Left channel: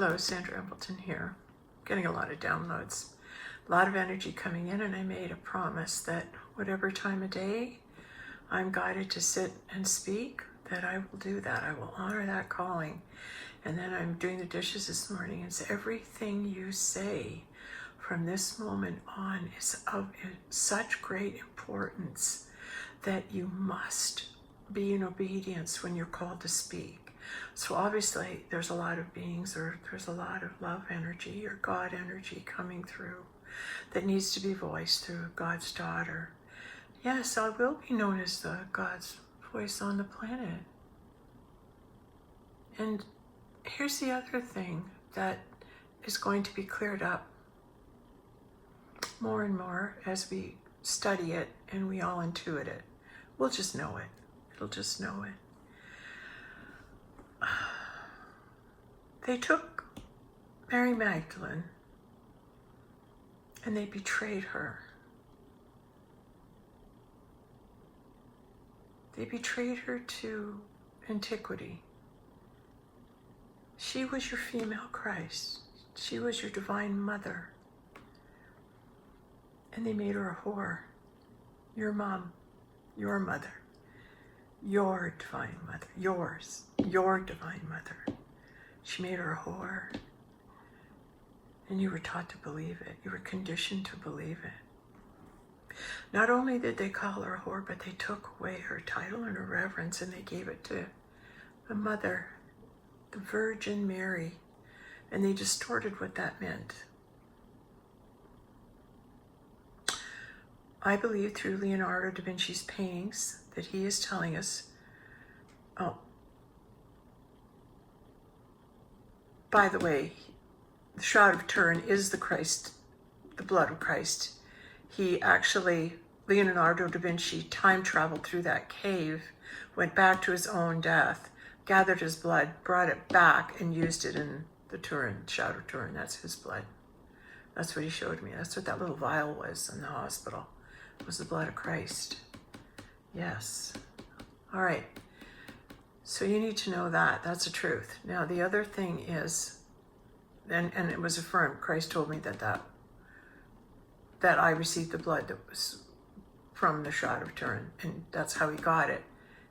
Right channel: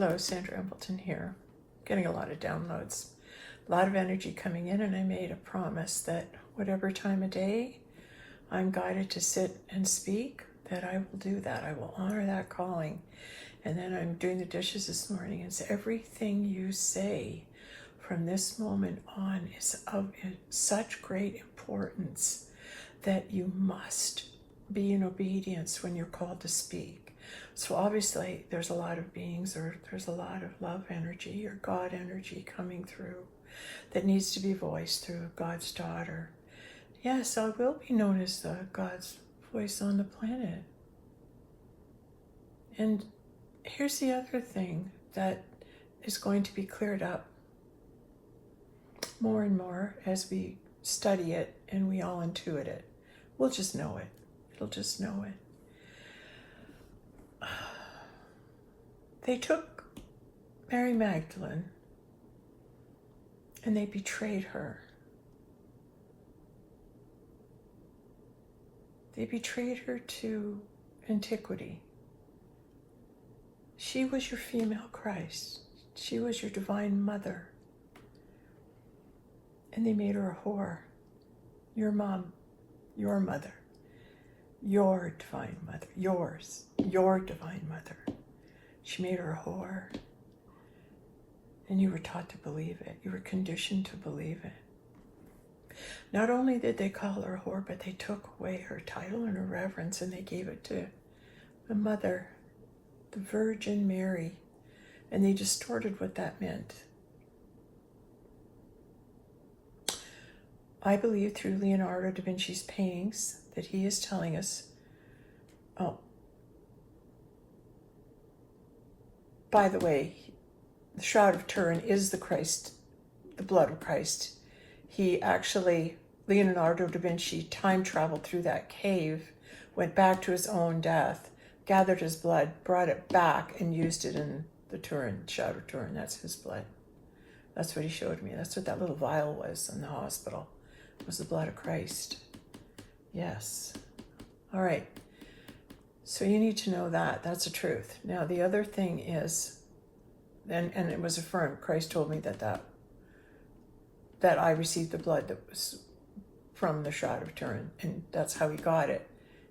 Hello, Sandra Embleton here. Getting a lot of downloads, a lot of energy coming in, and I made a promise that whatever time of day I'm guided to sit and speak, that I will do that. I will honor that calling. And then I'm doing the dishes this morning, and so everything you say from this moment on is of such great importance that you must be in obedience when you're called to speak. So obviously there's a lot of beings, or there's a lot of love energy or God energy coming through that needs to be voiced through God's daughter. Yes, I will be known as the God's voice on the planet. And here's the other thing that is going to be cleared up more and more as we study it and we all intuit it. We'll just know it. It'll just know it. They took Mary Magdalene and they betrayed her. They betrayed her to antiquity. She was your female Christ. She was your divine mother. And they made her a whore. Your mom, your mother, your divine mother, yours, your divine mother. She made her a whore. And you were taught to believe it. You were conditioned to believe it. Not only did they call her a whore, but they took away her title and her reverence, and they gave it to the mother, the Virgin Mary, and they distorted what that meant. I believe through Leonardo da Vinci's paintings that he is telling us, oh, by the way, the Shroud of Turin is the Christ, the blood of Christ. He actually, Leonardo da Vinci, time traveled through that cave, went back to his own death, gathered his blood, brought it back, and used it in the Turin, Shroud of Turin. That's his blood. That's what he showed me. That's what that little vial was in the hospital. It was the blood of Christ. Yes. All right. So you need to know that. That's the truth. Now, the other thing is, and it was affirmed, Christ told me that I received the blood that was from the Shroud of Turin, and that's how he got it.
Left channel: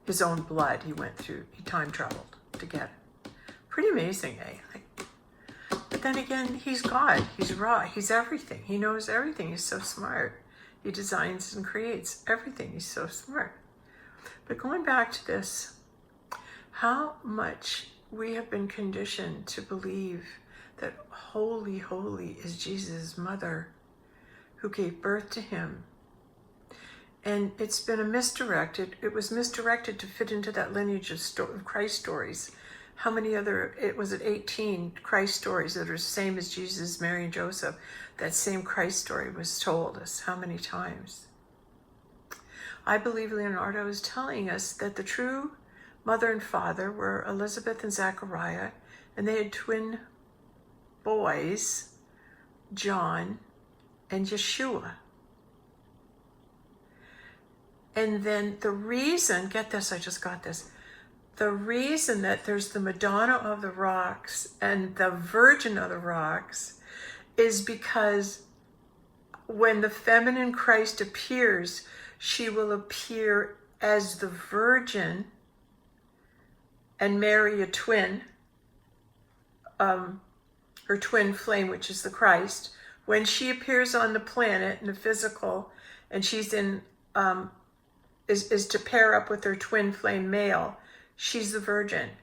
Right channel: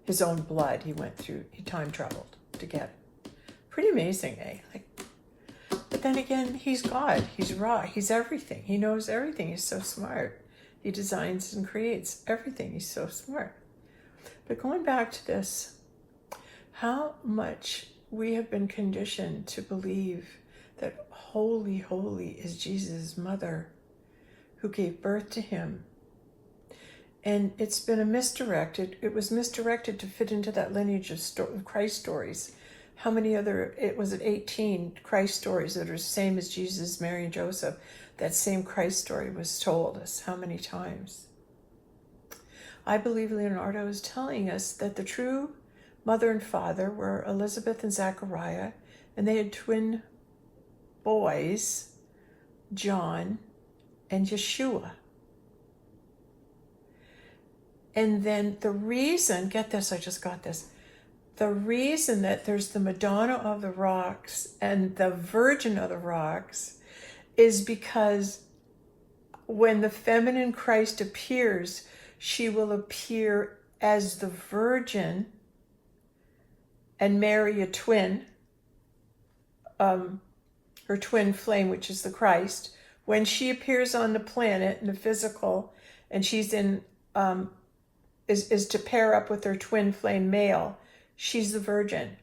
His own blood, he went through, he time traveled to get it. Pretty amazing, eh? But then again, he's God, he's raw, he's everything. He knows everything, he's so smart. He designs and creates everything, he's so smart. But going back to this, how much we have been conditioned to believe that holy, holy is Jesus' mother who gave birth to him. And it's been it was misdirected to fit into that lineage of Christ stories. How many other, 18 Christ stories that are the same as Jesus, Mary, and Joseph? That same Christ story was told us how many times? I believe Leonardo is telling us that the true mother and father were Elizabeth and Zachariah, and they had twin boys, John and Yeshua. And then the reason, get this, I just got this, the reason that there's the Madonna of the Rocks and the Virgin of the Rocks is because when the feminine Christ appears, she will appear as the Virgin and marry a twin, her twin flame, which is the Christ. When she appears on the planet in the physical, and she's in, is to pair up with her twin flame male, she's the Virgin.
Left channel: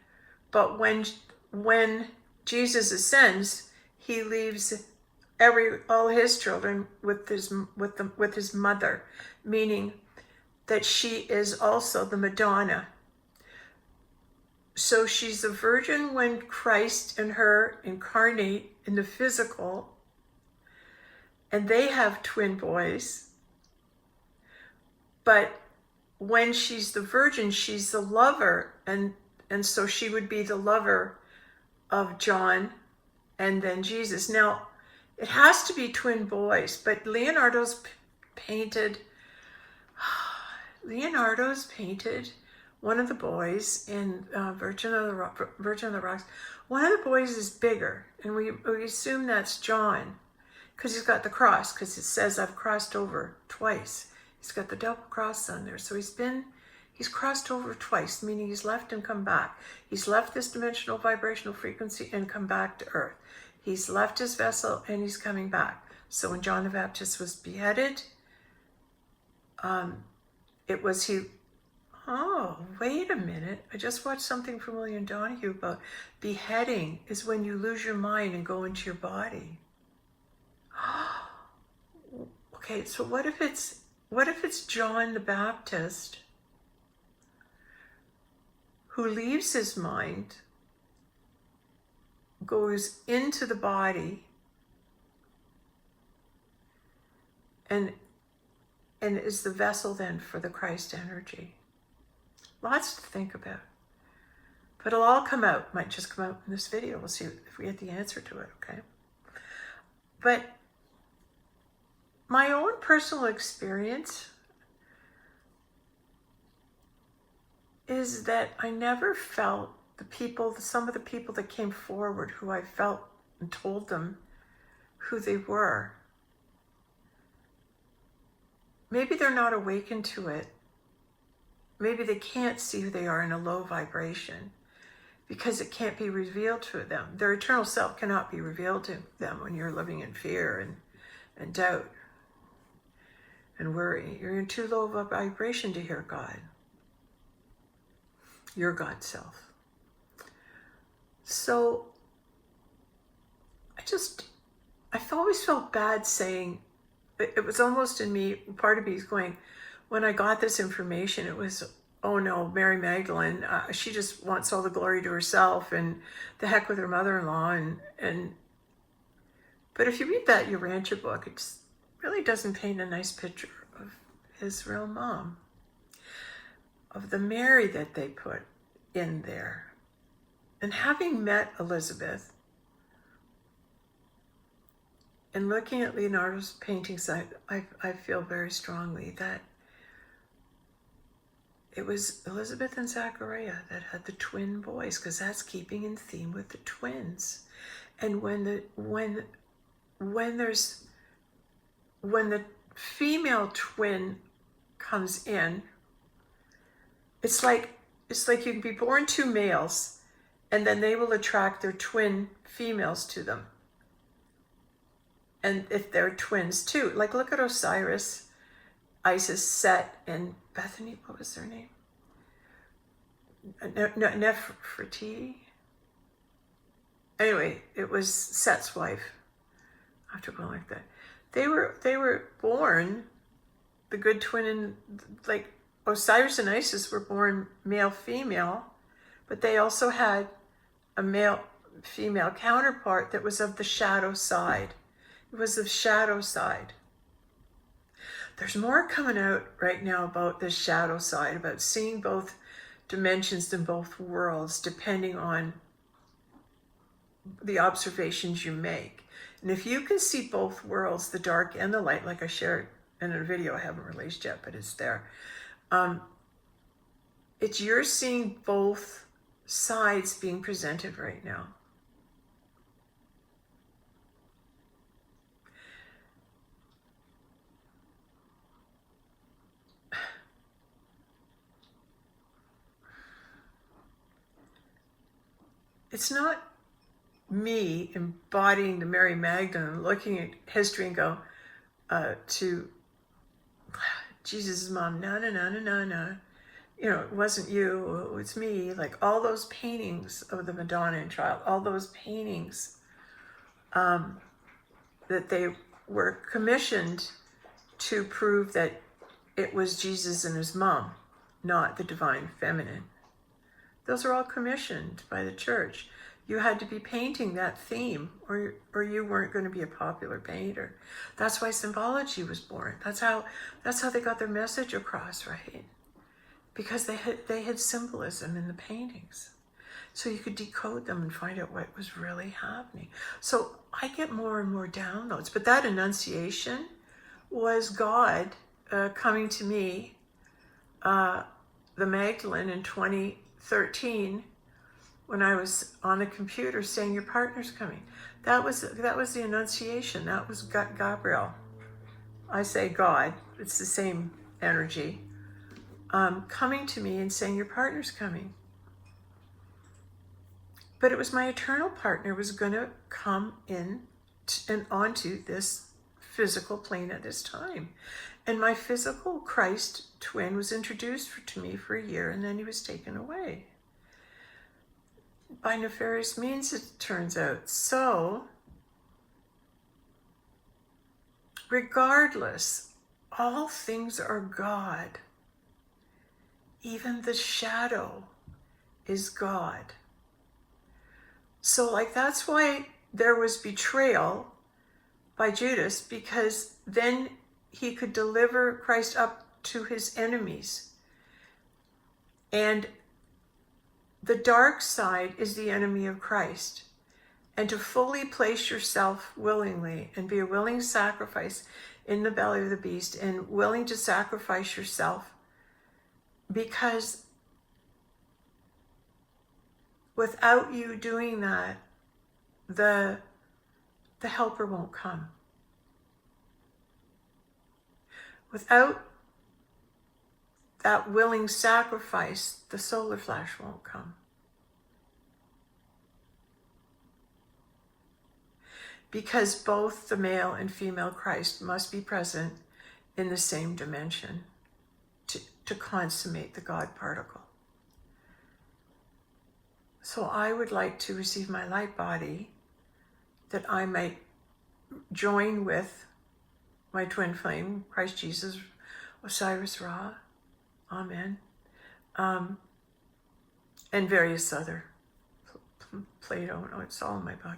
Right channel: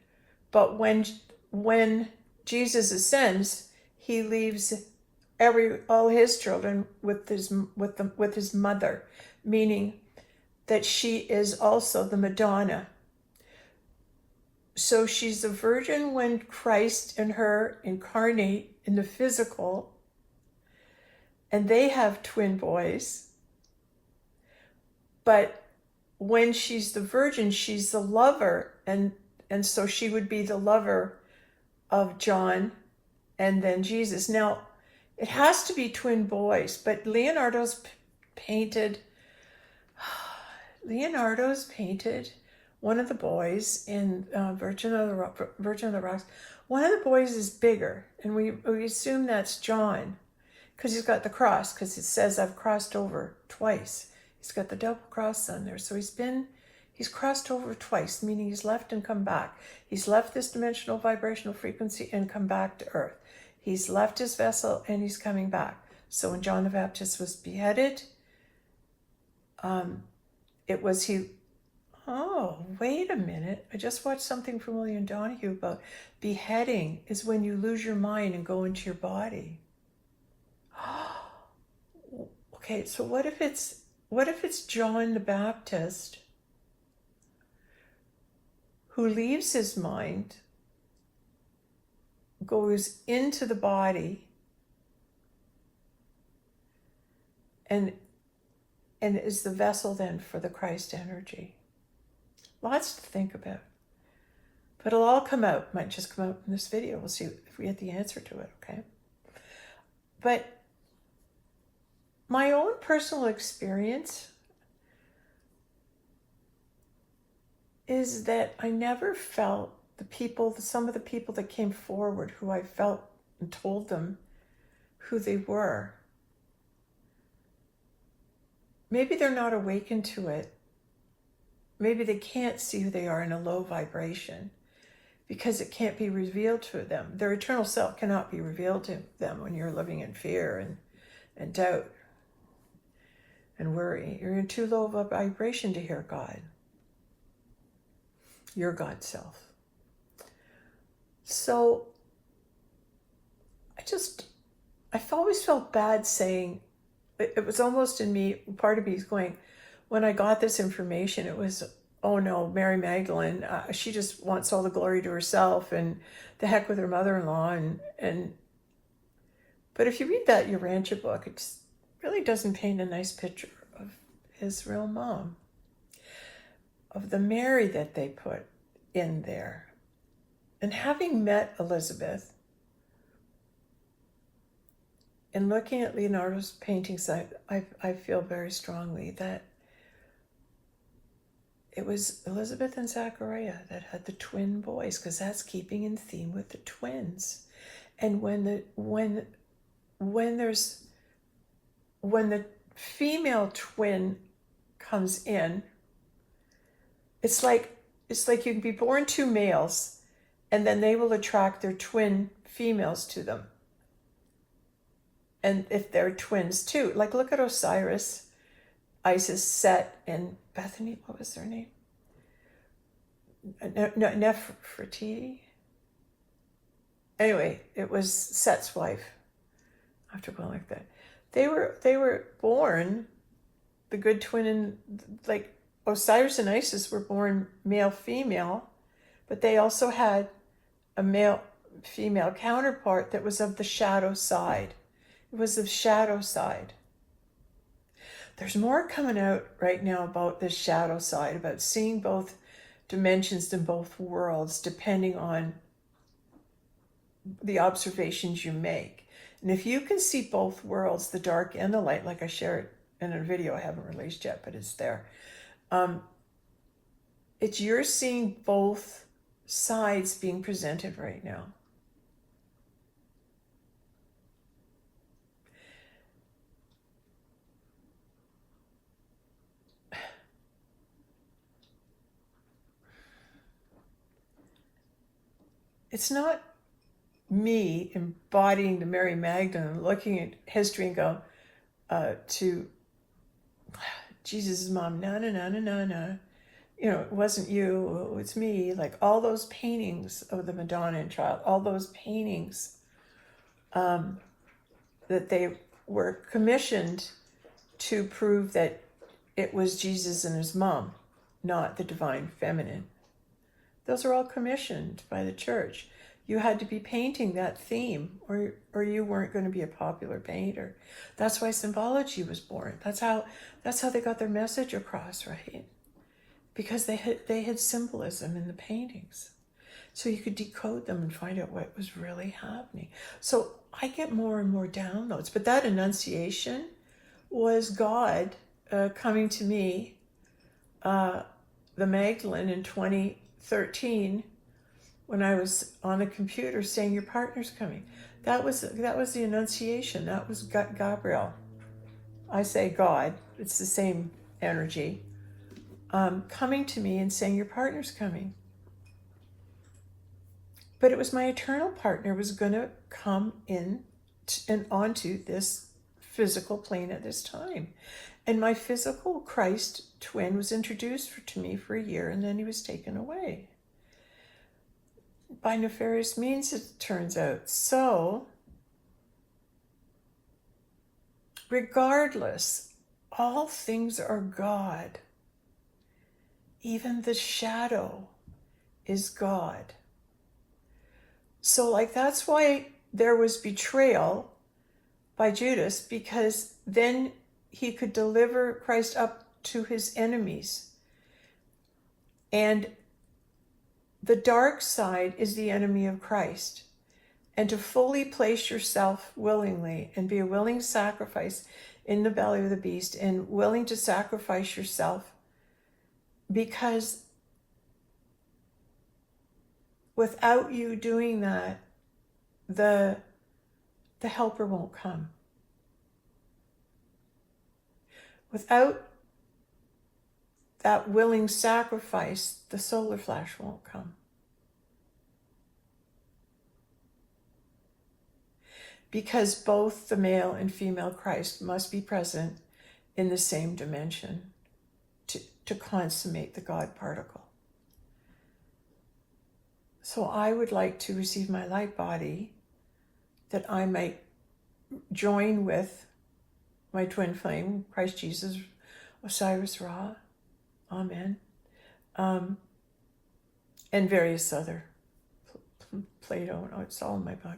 But when Jesus ascends, he leaves all his children with his mother, meaning that she is also the Madonna. So she's the Virgin when Christ and her incarnate in the physical, and they have twin boys. But when she's the Virgin, she's the lover, and so she would be the lover of John and then Jesus. Now, it has to be twin boys, but Leonardo's painted one of the boys in Virgin of the Rocks, one of the boys is bigger, and we assume that's John, because he's got the cross, because it says I've crossed over twice. He's got the double cross on there. So he's crossed over twice, meaning he's left and come back. He's left this dimensional vibrational frequency and come back to Earth. He's left his vessel and he's coming back. So when John the Baptist was beheaded, oh, wait a minute. I just watched something from William Donahue about beheading is when you lose your mind and go into your body. Okay, so what if it's John the Baptist who leaves his mind, goes into the body, and is the vessel then for the Christ energy? Lots to think about. But it'll all come out. Might just come out in this video. We'll see if we get the answer to it, okay? But my own personal experience is that I never felt some of the people that came forward who I felt and told them who they were. Maybe they're not awakened to it. Maybe they can't see who they are in a low vibration because it can't be revealed to them. Their eternal self cannot be revealed to them when you're living in fear and doubt and worry. You're in too low of a vibration to hear God, your God self. So I've always felt bad saying, it was almost in me, part of me is going, when I got this information, it was, oh no, Mary Magdalene, she just wants all the glory to herself, and the heck with her mother-in-law. But if you read that Urantia book, it really doesn't paint a nice picture of his real mom, of the Mary that they put in there. And having met Elizabeth, and looking at Leonardo's paintings, I feel very strongly that it was Elizabeth and Zachariah that had the twin boys, because that's keeping in theme with the twins. And when the female twin comes in, it's like you can be born two males, and then they will attract their twin females to them. And if they're twins too, like look at Osiris, Isis, Set, and Bethany, what was their name? Nefertiti? Anyway, it was Set's wife, after going like that. They were born, the good twin, and like Osiris and Isis were born male-female, but they also had a male-female counterpart that was of the shadow side. It was the shadow side. There's more coming out right now about this shadow side, about seeing both dimensions in both worlds, depending on the observations you make. And if you can see both worlds, the dark and the light, like I shared in a video I haven't released yet, but it's there. It's you're seeing both sides being presented right now. It's not me embodying the Mary Magdalene, looking at history and go to Jesus' mom, no. You know, it wasn't you, it was me. Like all those paintings of the Madonna and Child, all those paintings that they were commissioned to prove that it was Jesus and his mom, not the divine feminine. Those are all commissioned by the church. You had to be painting that theme or you weren't going to be a popular painter. That's why symbology was born. That's how they got their message across, right? Because they had symbolism in the paintings. So you could decode them and find out what was really happening. So I get more and more downloads. But that Annunciation was God coming to me the Magdalene in 2013 when I was on the computer saying your partner's coming. That was the Annunciation. That was Gabriel. I say God. It's the same energy. Coming to me and saying your partner's coming. But it was my eternal partner was going to come in and onto this physical plane at this time. And my physical Christ twin was introduced to me for a year, and then he was taken away. By nefarious means, it turns out. So, regardless, all things are God. Even the shadow is God. So, like, that's why there was betrayal by Judas, because then he could deliver Christ up to his enemies. And the dark side is the enemy of Christ. And to fully place yourself willingly and be a willing sacrifice in the belly of the beast and willing to sacrifice yourself, because without you doing that, the helper won't come. Without that willing sacrifice, the solar flash won't come. Because both the male and female Christ must be present in the same dimension to consummate the God particle. So I would like to receive my light body that I might join with my twin flame, Christ Jesus, Osiris Ra, Amen, and various other, Plato, it's all in my book.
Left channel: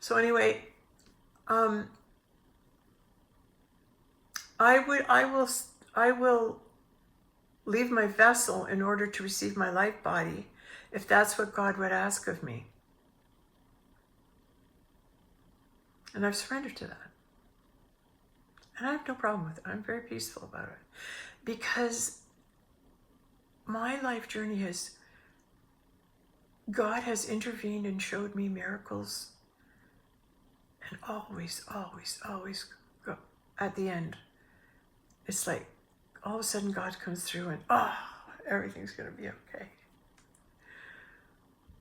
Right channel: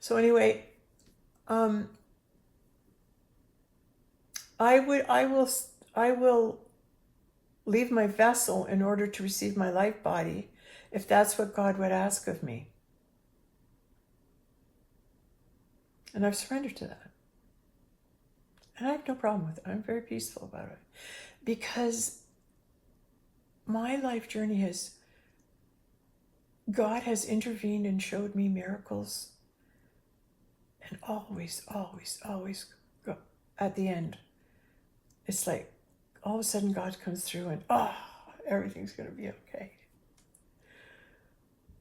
So anyway, I will leave my vessel in order to receive my light body, if that's what God would ask of me. And I've surrendered to that. And I have no problem with it. I'm very peaceful about it. Because my life journey God has intervened and showed me miracles. And always, always, always go at the end. It's like all of a sudden God comes through and everything's going to be okay.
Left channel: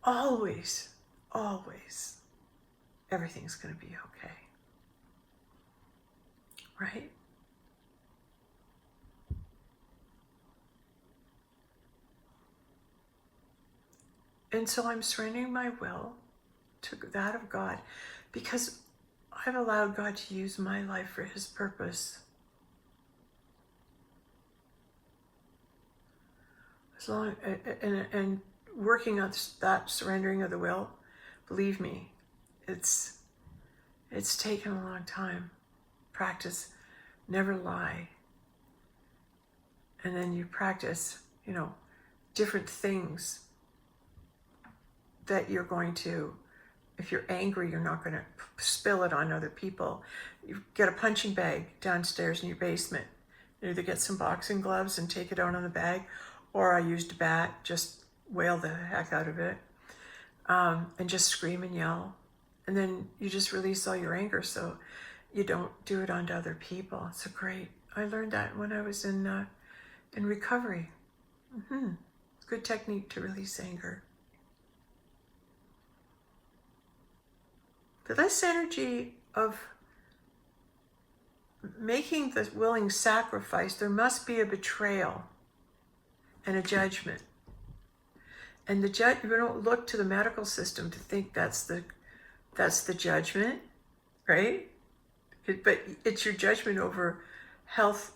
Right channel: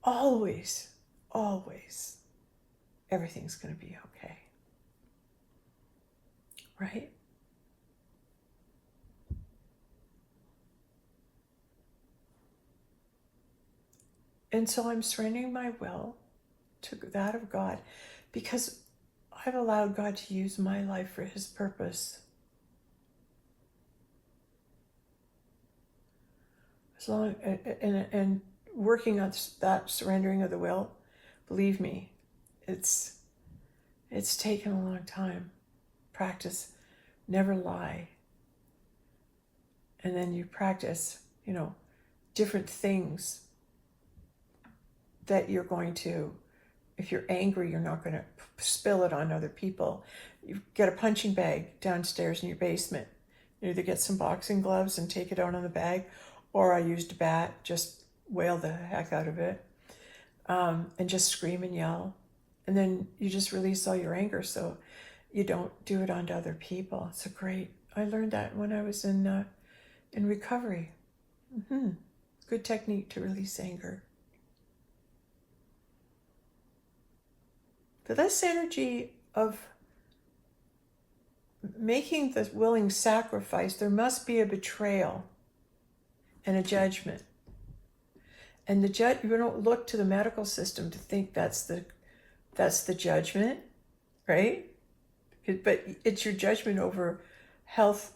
Always, always, everything's going to be okay. Right? And so I'm surrendering my will to that of God, because I've allowed God to use my life for his purpose. As long and working on that surrendering of the will, believe me, it's taken a long time. Practice, never lie. And then you practice, different things that you're going to, if you're angry, you're not going to spill it on other people. You get a punching bag downstairs in your basement. You either get some boxing gloves and take it out on the bag, or I used a bat, just wail the heck out of it, and just scream and yell. And then you just release all your anger so you don't do it onto other people. It's I learned that when I was in recovery. Good technique to release anger. But this energy of making the willing sacrifice, there must be a betrayal and a judgment. And you don't look to the medical system to think that's the judgment, right? But it's your judgment over health.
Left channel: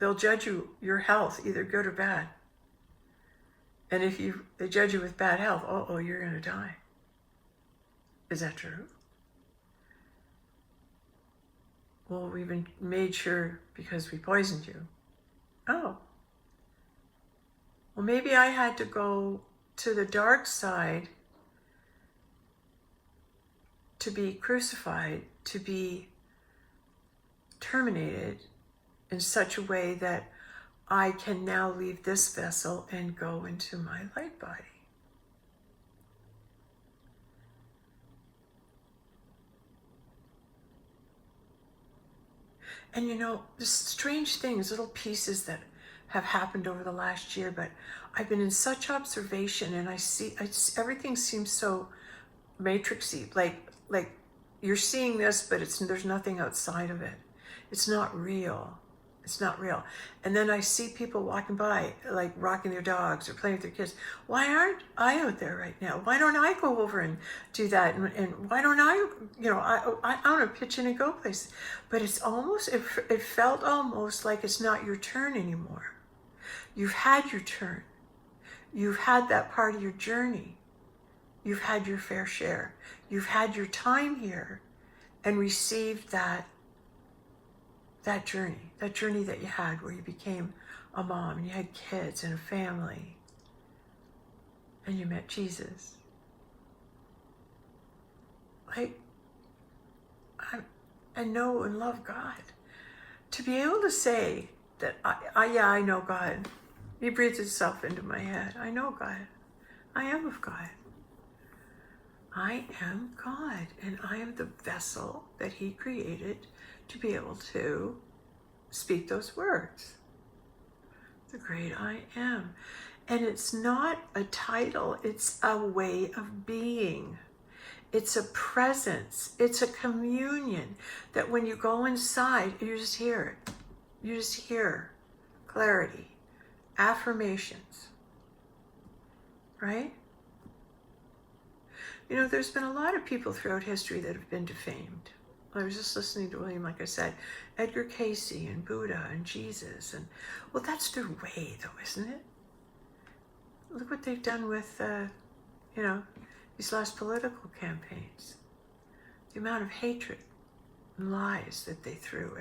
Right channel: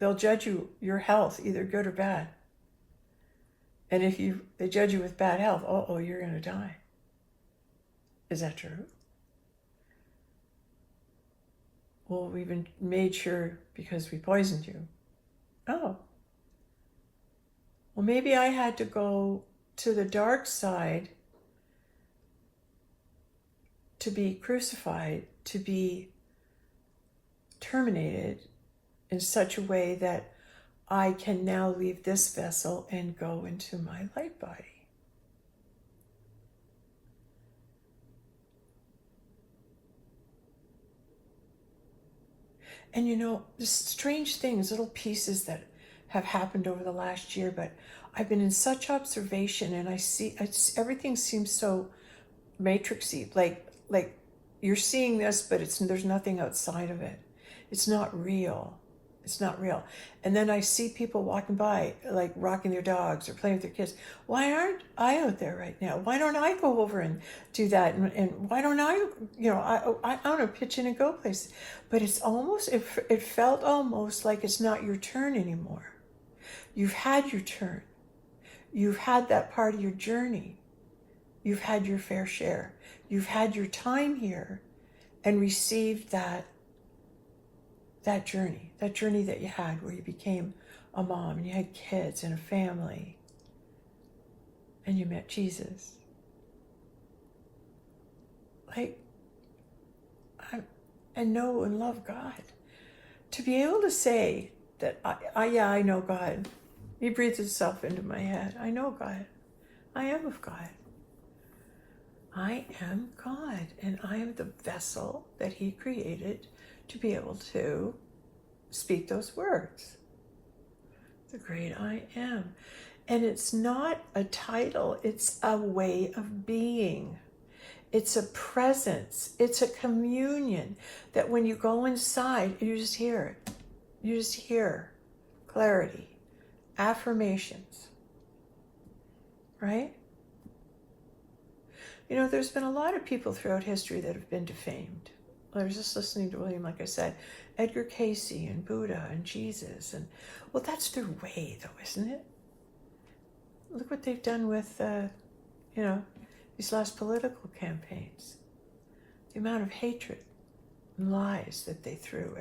They'll judge your health, either good or bad. And if they judge you with bad health, you're going to die. Is that true? Well, we've been made sure because we poisoned you. Oh. Well, maybe I had to go to the dark side to be crucified, to be terminated in such a way that I can now leave this vessel and go into my light body. And you know, there's strange things, little pieces that have happened over the last year, but I've been in such observation, and I see everything seems so matrixy, like you're seeing this, but there's nothing outside of it. It's not real. It's not real. And then I see people walking by, like rocking their dogs or playing with their kids. Why aren't I out there right now? Why don't I go over and do that? And why don't I, you know, I want to pitch in and go places. But it's almost, it felt almost like it's not your turn anymore. You've had your turn. You've had that part of your journey. You've had your fair share. You've had your time here and received that journey that you had, where you became a mom and you had kids and a family and you met Jesus. Like, I know and love God. To be able to say that, I know God. He breathes himself into my head. I know God. I am of God. I am God, and I am the vessel that he created to be able to speak those words. The great I am. And it's not a title, it's a way of being. It's a presence. It's a communion that when you go inside, you just hear it. You just hear clarity, affirmations, right? You know, there's been a lot of people throughout history that have been defamed. I was just listening to William, like I said, Edgar Casey and Buddha and Jesus. And, well, that's their way, though, isn't it? Look what they've done with, you know, these last political campaigns. The amount of hatred and lies that they threw.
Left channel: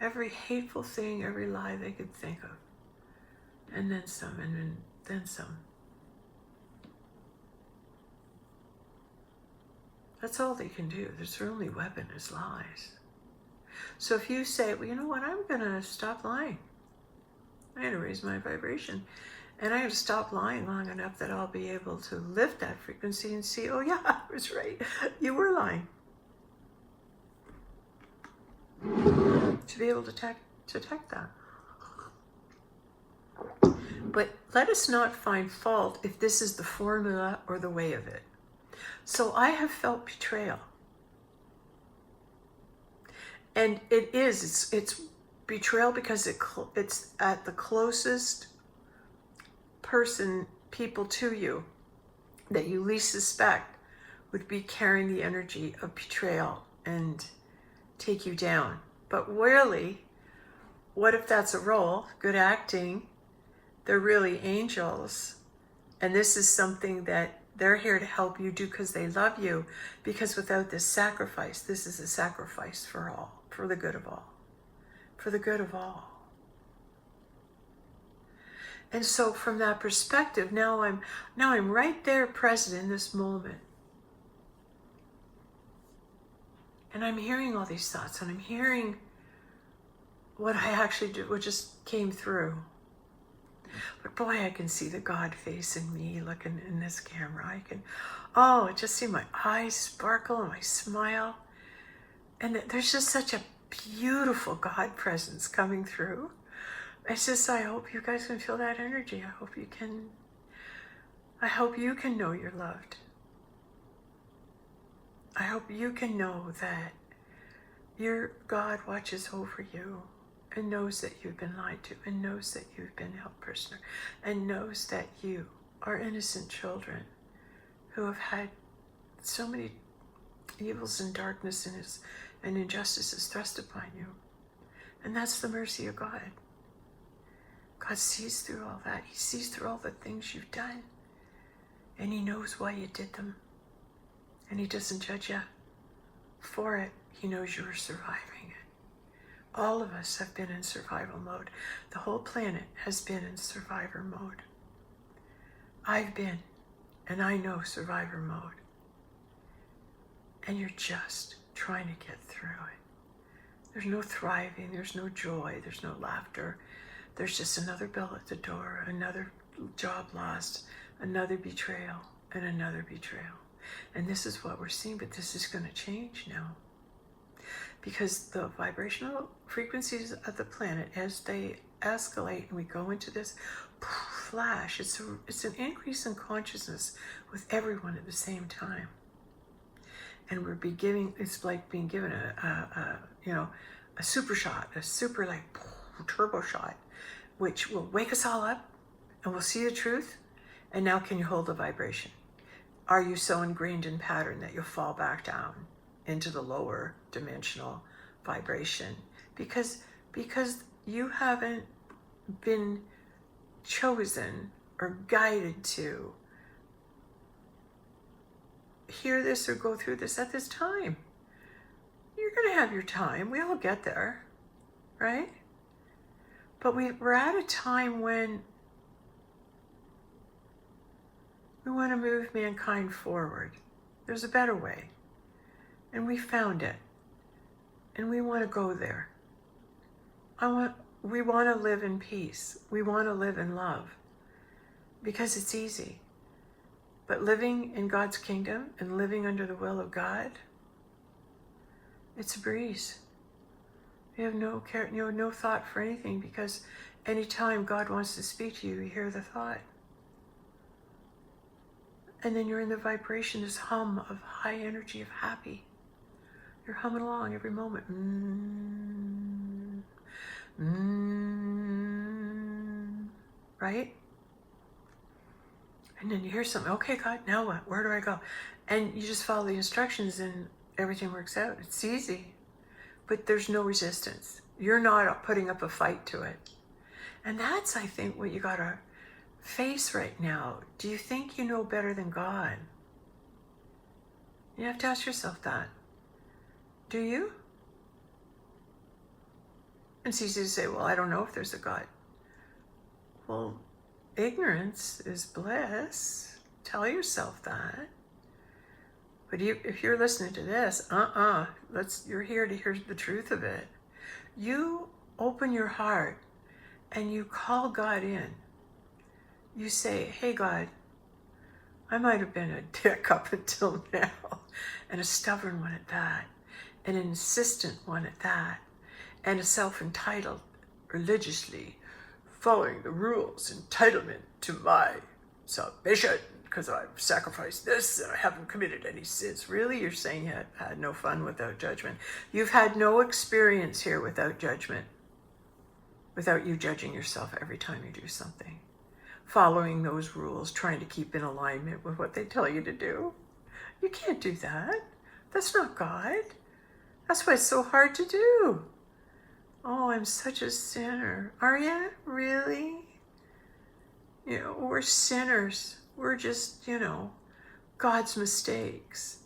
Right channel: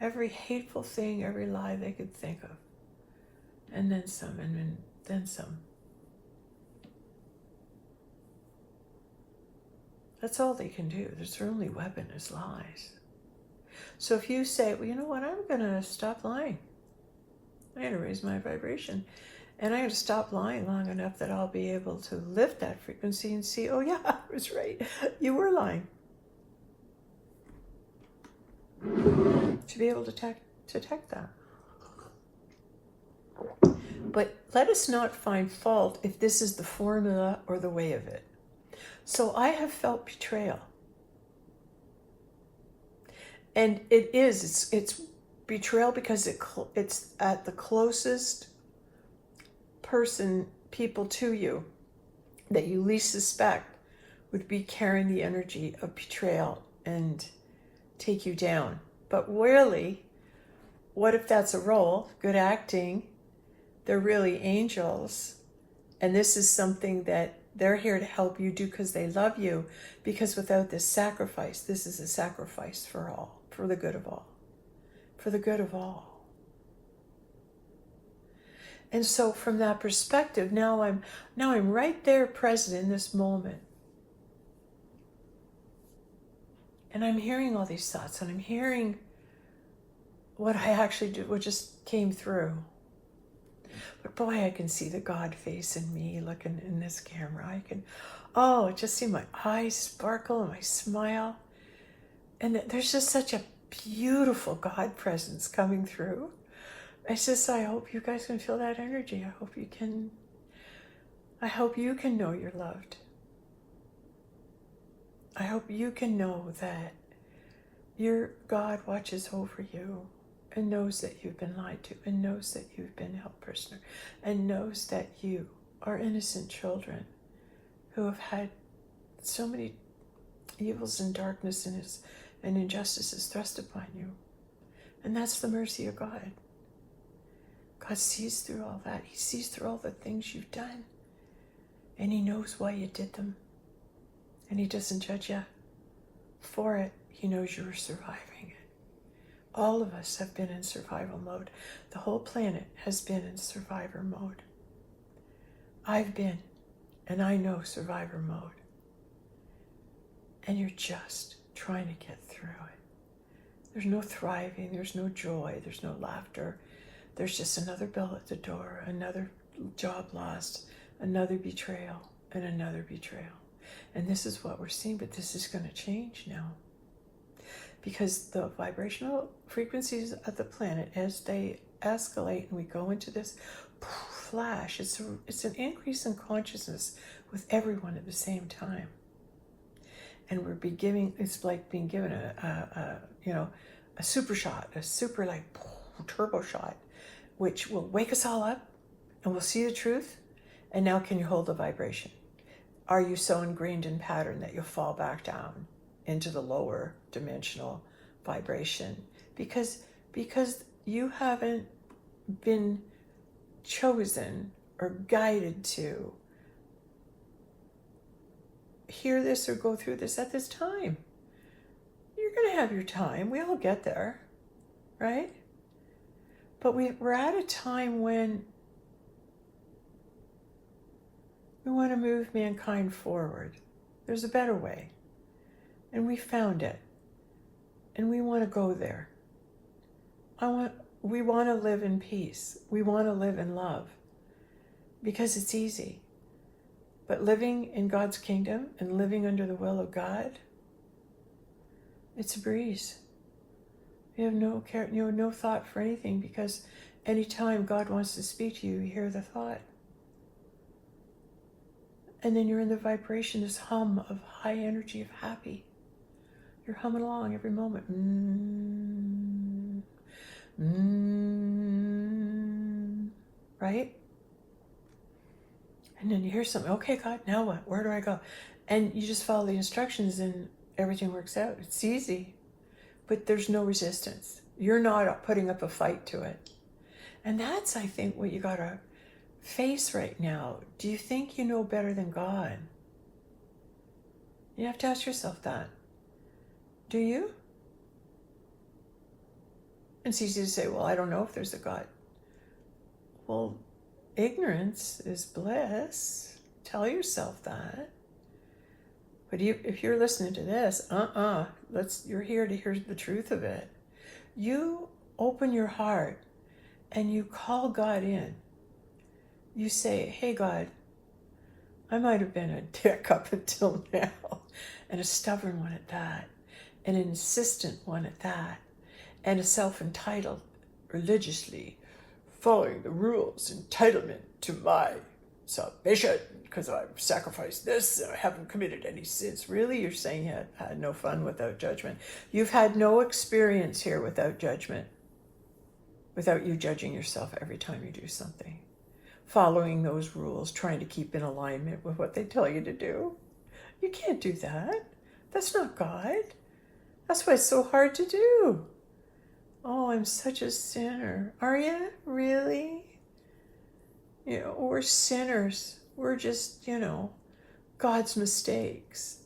Every hateful thing, every lie they could think of. And then some, and then some. That's all they can do. Their only weapon is lies. So if you say, well, you know what, I'm going to stop lying. I'm going to raise my vibration. And I'm going to stop lying long enough that I'll be able to lift that frequency and see, oh yeah, I was right. You were lying. To be able to detect that. But let us not find fault if this is the formula or the way of it. So I have felt betrayal. And it's betrayal because it's at the closest people to you that you least suspect would be carrying the energy of betrayal and take you down. But really, what if that's a role? Good acting. They're really angels. And this is something that they're here to help you do because they love you. Because without this sacrifice, this is a sacrifice for all, for the good of all. For the good of all. And so from that perspective, now I'm right there present in this moment. And I'm hearing all these thoughts, and I'm hearing what I actually did, what just came through. But boy, I can see the God face in me looking in this camera. I just see my eyes sparkle and my smile. And there's just such a beautiful God presence coming through. It's just, I hope you guys can feel that energy. I hope you can know you're loved. I hope you can know that your God watches over you and knows that you've been lied to, and knows that you've been held prisoner, and knows that you are innocent children who have had so many evils and darkness and injustices thrust upon you. And that's the mercy of God. God sees through all that. He sees through all the things you've done. And he knows why you did them. And he doesn't judge you for it. He knows you were surviving it. All of us have been in survival mode. The whole planet has been in survivor mode. I've been, and I know survivor mode. And you're just trying to get through it. There's no thriving, there's no joy, there's no laughter, there's just another bill at the door, another job lost, another betrayal, and another betrayal. And this is what we're seeing, but this is going to change now. Because the vibrational frequencies of the planet, as they escalate and we go into this flash, it's an increase in consciousness with everyone at the same time. And we're it's like being given a super shot, a super like turbo shot, which will wake us all up and we'll see the truth. And now can you hold the vibration? Are you so ingrained in pattern that you'll fall back down into the lower dimensional vibration? Because you haven't been chosen or guided to hear this or go through this at this time. You're going to have your time. We all get there, right? But we're at a time when we want to move mankind forward. There's a better way. And we found it. And we want to go there. We want to live in peace. We want to live in love. Because it's easy. But living in God's kingdom and living under the will of God, it's a breeze. You have no care, no thought for anything, because anytime God wants to speak to you, you hear the thought. And then you're in the vibration, this hum of high energy, of happy. You're humming along every moment. Right? And then you hear something. Okay, God, now what? Where do I go? And you just follow the instructions and everything works out. It's easy. But there's no resistance. You're not putting up a fight to it. And that's, I think, what you got to face right now. Do you think you know better than God? You have to ask yourself that. Do you? It's easy to say, well, I don't know if there's a God. Well, ignorance is bliss. Tell yourself that. But if you're listening to this, you're here to hear the truth of it. You open your heart and you call God in. You say, hey, God, I might have been a dick up until now, and a stubborn one at that, an insistent one at that, and a self-entitled, religiously following the rules, entitlement to my salvation, because I've sacrificed this and I haven't committed any sins. Really? You're saying you had no fun without judgment. You've had no experience here without judgment, without you judging yourself every time you do something. Following those rules, trying to keep in alignment with what they tell you to do. You can't do that. That's not God. That's why it's so hard to do. Oh, I'm such a sinner. Are you? Really? We're sinners. We're just, God's mistakes.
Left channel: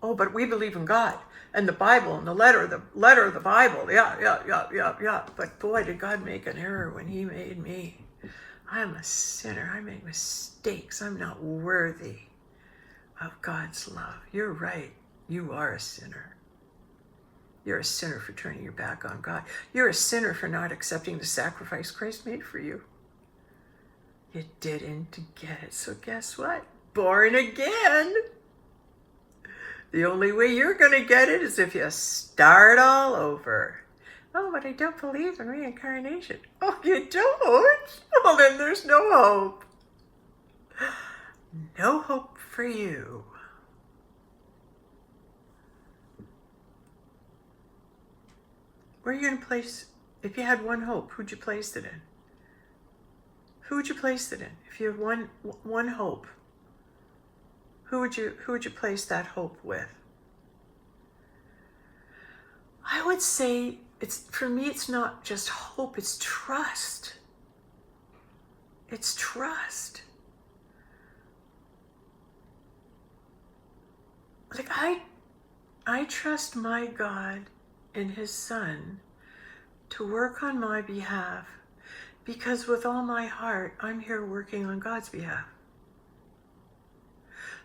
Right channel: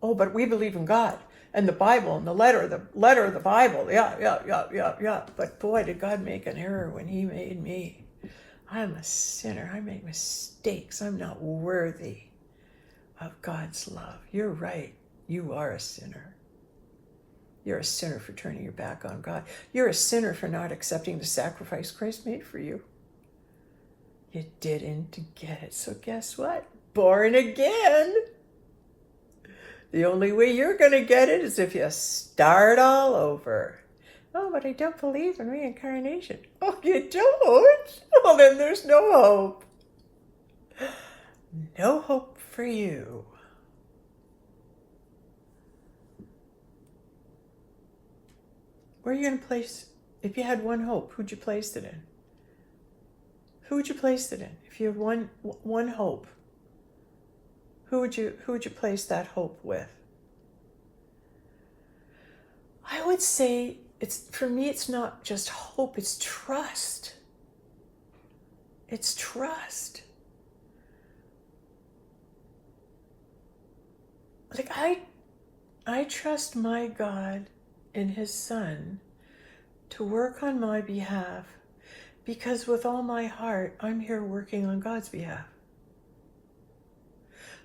Oh, but we believe in God and the Bible and the letter of the Bible. Yeah. But boy, did God make an error when he made me. I'm a sinner. I make mistakes. I'm not worthy of God's love. You're right. You are a sinner. You're a sinner for turning your back on God. You're a sinner for not accepting the sacrifice Christ made for you. You didn't get it. So guess what? Born again. The only way you're going to get it is if you start all over. Oh, but I don't believe in reincarnation. Oh, you don't? Well, then there's no hope. No hope for you. Where are you going to place, if you had one hope, who'd you place it in? Who would you place it in? If you have one hope, who would you place that hope with? I would say for me it's not just hope, it's trust. It's trust. Like I trust my God and his Son to work on my behalf, because with all my heart, I'm here working on God's behalf.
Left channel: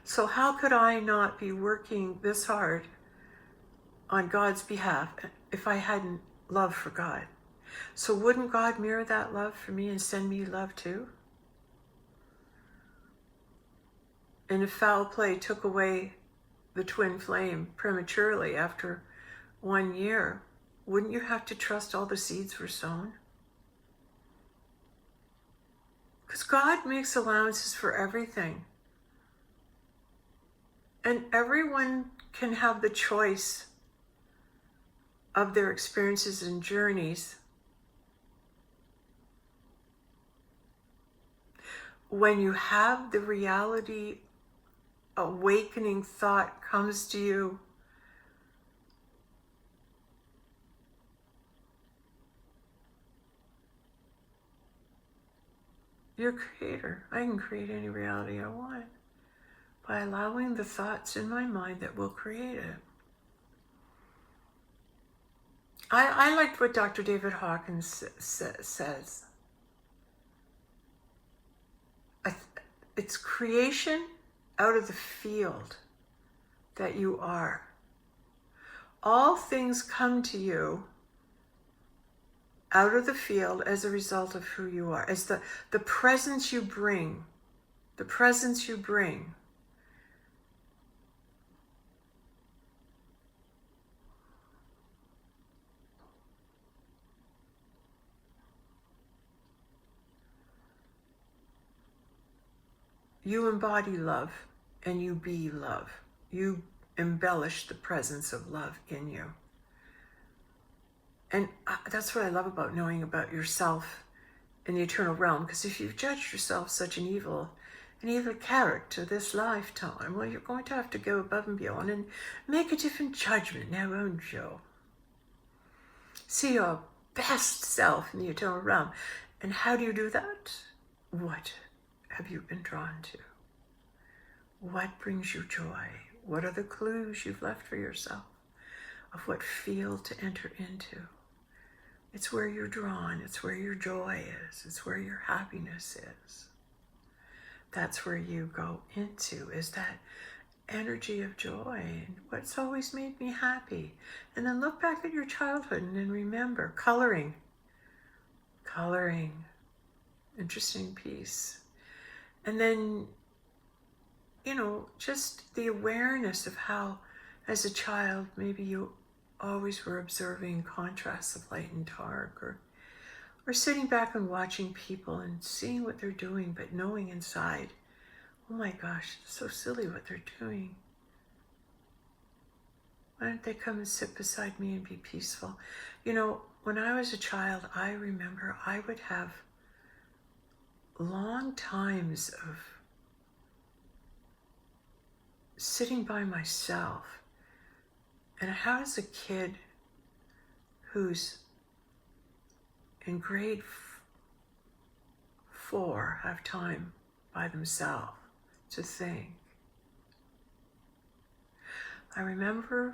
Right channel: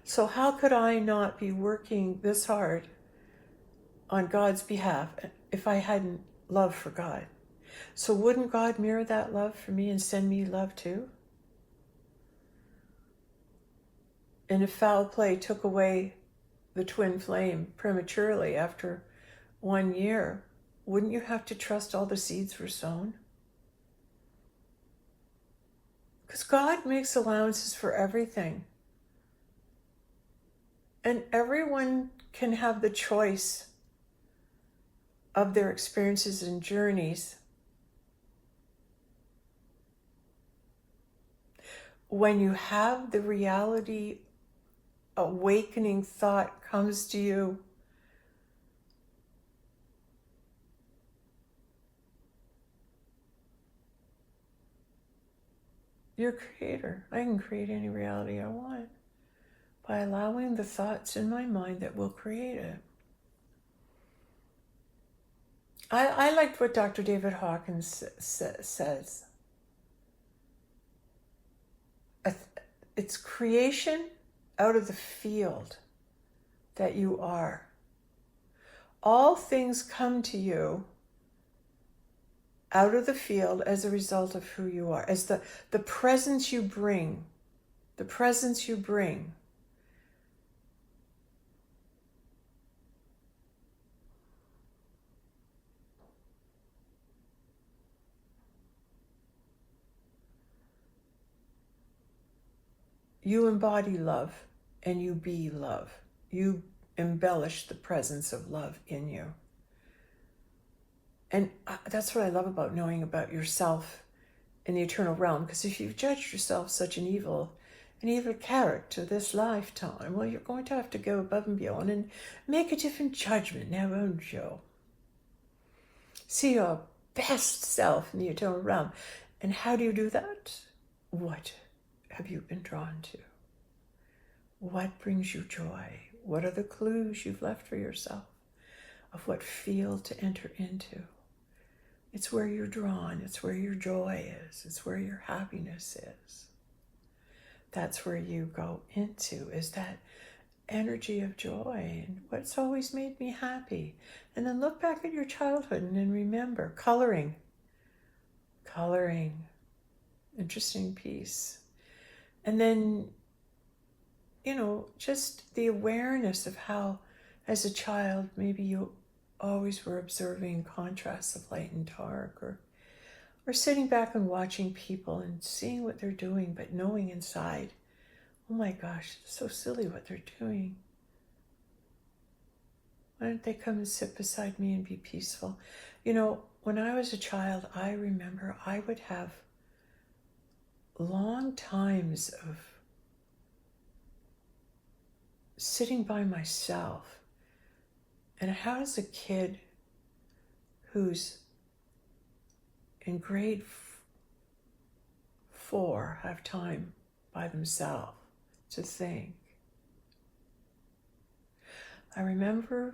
So how could I not be working this hard on God's behalf if I hadn't love for God? So wouldn't God mirror that love for me and send me love too? And if foul play took away the twin flame prematurely after 1 year, wouldn't you have to trust all the seeds were sown? Because God makes allowances for everything. And everyone can have the choice of their experiences and journeys. When you have the reality awakening thought comes to you, you're a creator. I can create any reality I want by allowing the thoughts in my mind that will create it. I liked what Dr. David Hawkins says. It's creation out of the field that you are. All things come to you out of the field as a result of who you are, as the presence you bring, the presence you bring. You embody love and you be love. You embellish the presence of love in you. And that's what I love about knowing about yourself in the eternal realm, because if you've judged yourself such an evil character this lifetime, well, you're going to have to go above and beyond and make a different judgment now, won't you? See your best self in the eternal realm. And how do you do that? What have you been drawn to? What brings you joy? What are the clues you've left for yourself of what field to enter into? It's where you're drawn. It's where your joy is. It's where your happiness is. That's where you go into, is that energy of joy and what's always made me happy. And then look back at your childhood and then remember coloring. Interesting piece. And then, just the awareness of how, as a child, maybe you always were observing contrasts of light and dark, or sitting back and watching people and seeing what they're doing, but knowing inside, oh my gosh, it's so silly what they're doing. Why don't they come and sit beside me and be peaceful? When I was a child, I remember I would have long times of sitting by myself. And how does a kid who's in grade 4 have time by themselves to think? I remember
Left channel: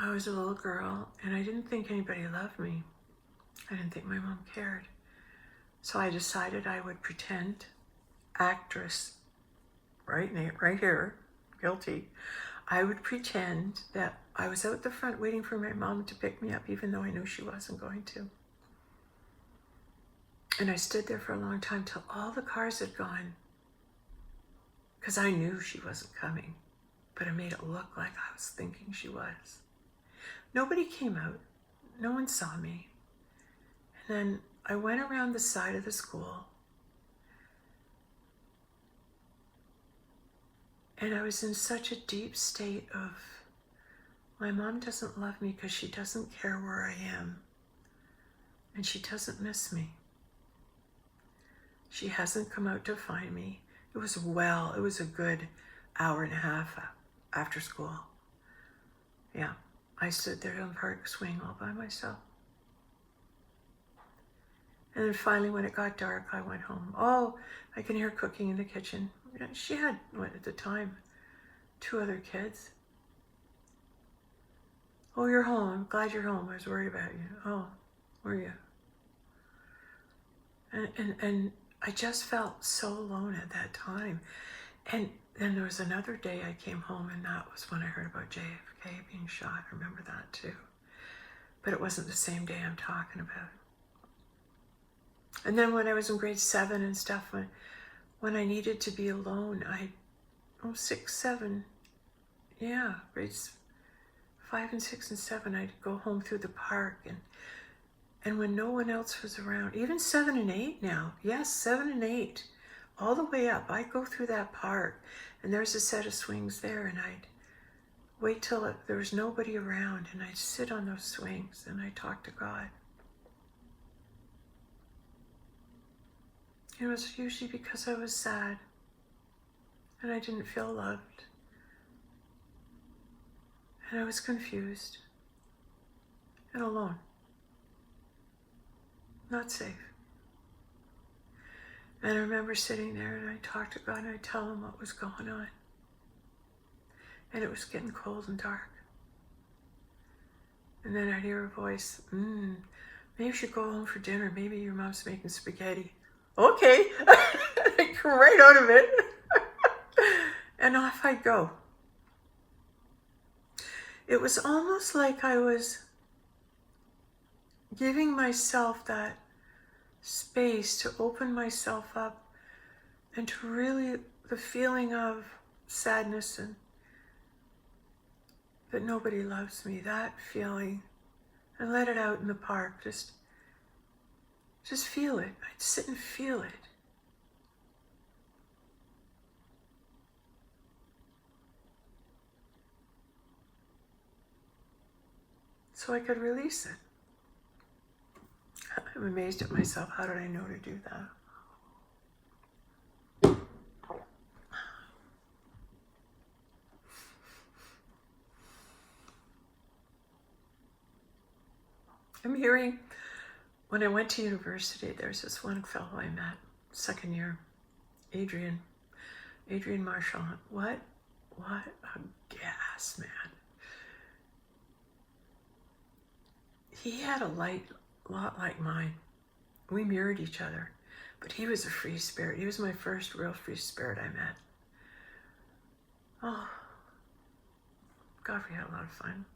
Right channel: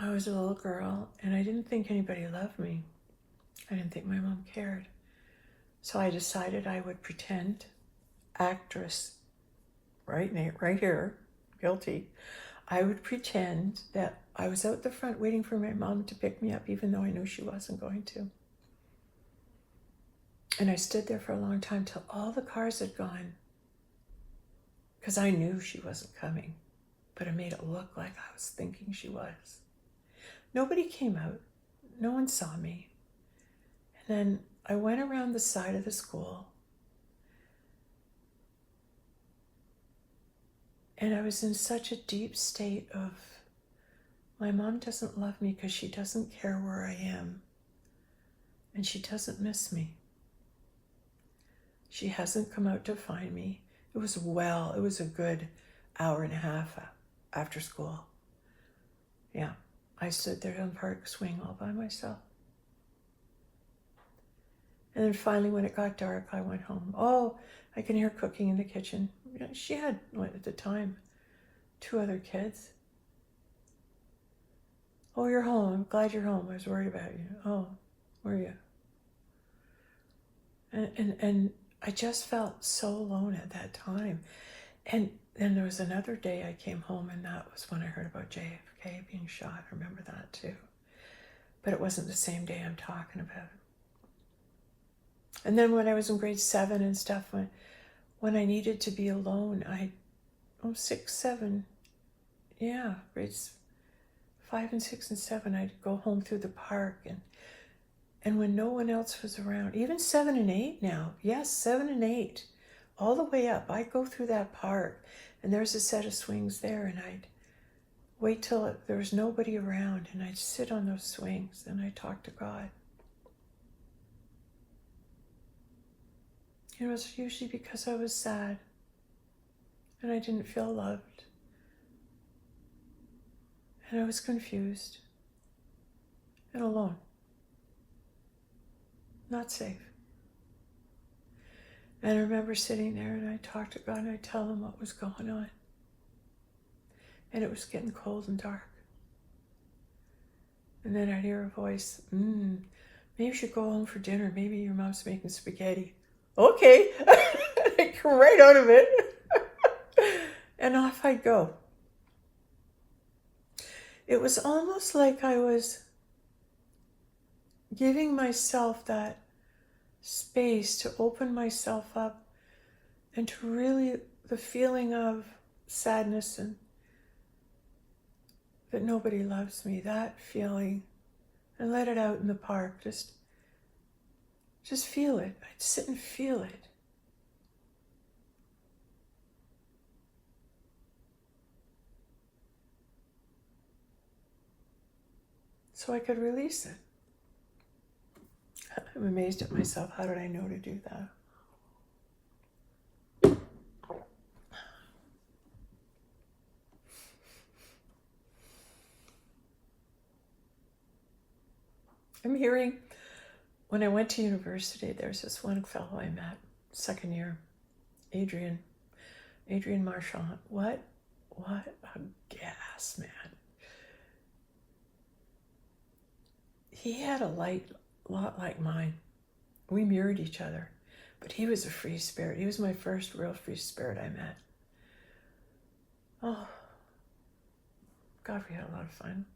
I was a little girl and I didn't think anybody loved me. I didn't think my mom cared. So I decided I would pretend, actress, right here, guilty. I would pretend that I was out the front waiting for my mom to pick me up, even though I knew she wasn't going to. And I stood there for a long time till all the cars had gone, because I knew she wasn't coming, but I made it look like I was thinking she was. Nobody came out. No one saw me. And then I went around the side of the school, and I was in such a deep state of, my mom doesn't love me because she doesn't care where I am, and she doesn't miss me. She hasn't come out to find me. It was a good hour and a half after school. Yeah, I stood there on Park Swing all by myself. And then finally, when it got dark, I went home. Oh, I can hear cooking in the kitchen. She had, at the time, 2 other kids. Oh, you're home. I'm glad you're home. I was worried about you. Oh, were you? And I just felt so alone at that time. And then there was another day I came home, and that was when I heard about JFK being shot. I remember that too. but it wasn't the same day I'm talking about. And then when I was in grade 7 and stuff, when I needed to be alone, 6, 7, yeah, grades 5 and 6 and 7, I'd go home through the park, and when no one else was around, even 7 and 8 now, yes, 7 and 8, all the way up, I'd go through that park, and there's a set of swings there, and I'd wait till there was nobody around, and I'd sit on those swings, and I'd talk to God. It was usually because I was sad, and I didn't feel loved, and I was confused, and alone, not safe. And I remember sitting there, and I talked to God, and I tell him what was going on. And it was getting cold and dark. And then I'd hear a voice, maybe you should go home for dinner. Maybe your mom's making spaghetti. Okay. I'd come right out of it. And off I'd go. It was almost like I was giving myself that space to open myself up and to really, the feeling of sadness and that nobody loves me, that feeling, and let it out in the park. Just feel it. I'd sit and feel it. So I could release it. I'm amazed at myself. How did I know to do that? I'm hearing, when I went to university, there's this one fellow I met, second year, Adrian Marshall. What a gas, man. He had a light a lot like mine. We mirrored each other, but he was a free spirit. He was my first real free spirit I met. Oh, God, we had a lot of fun.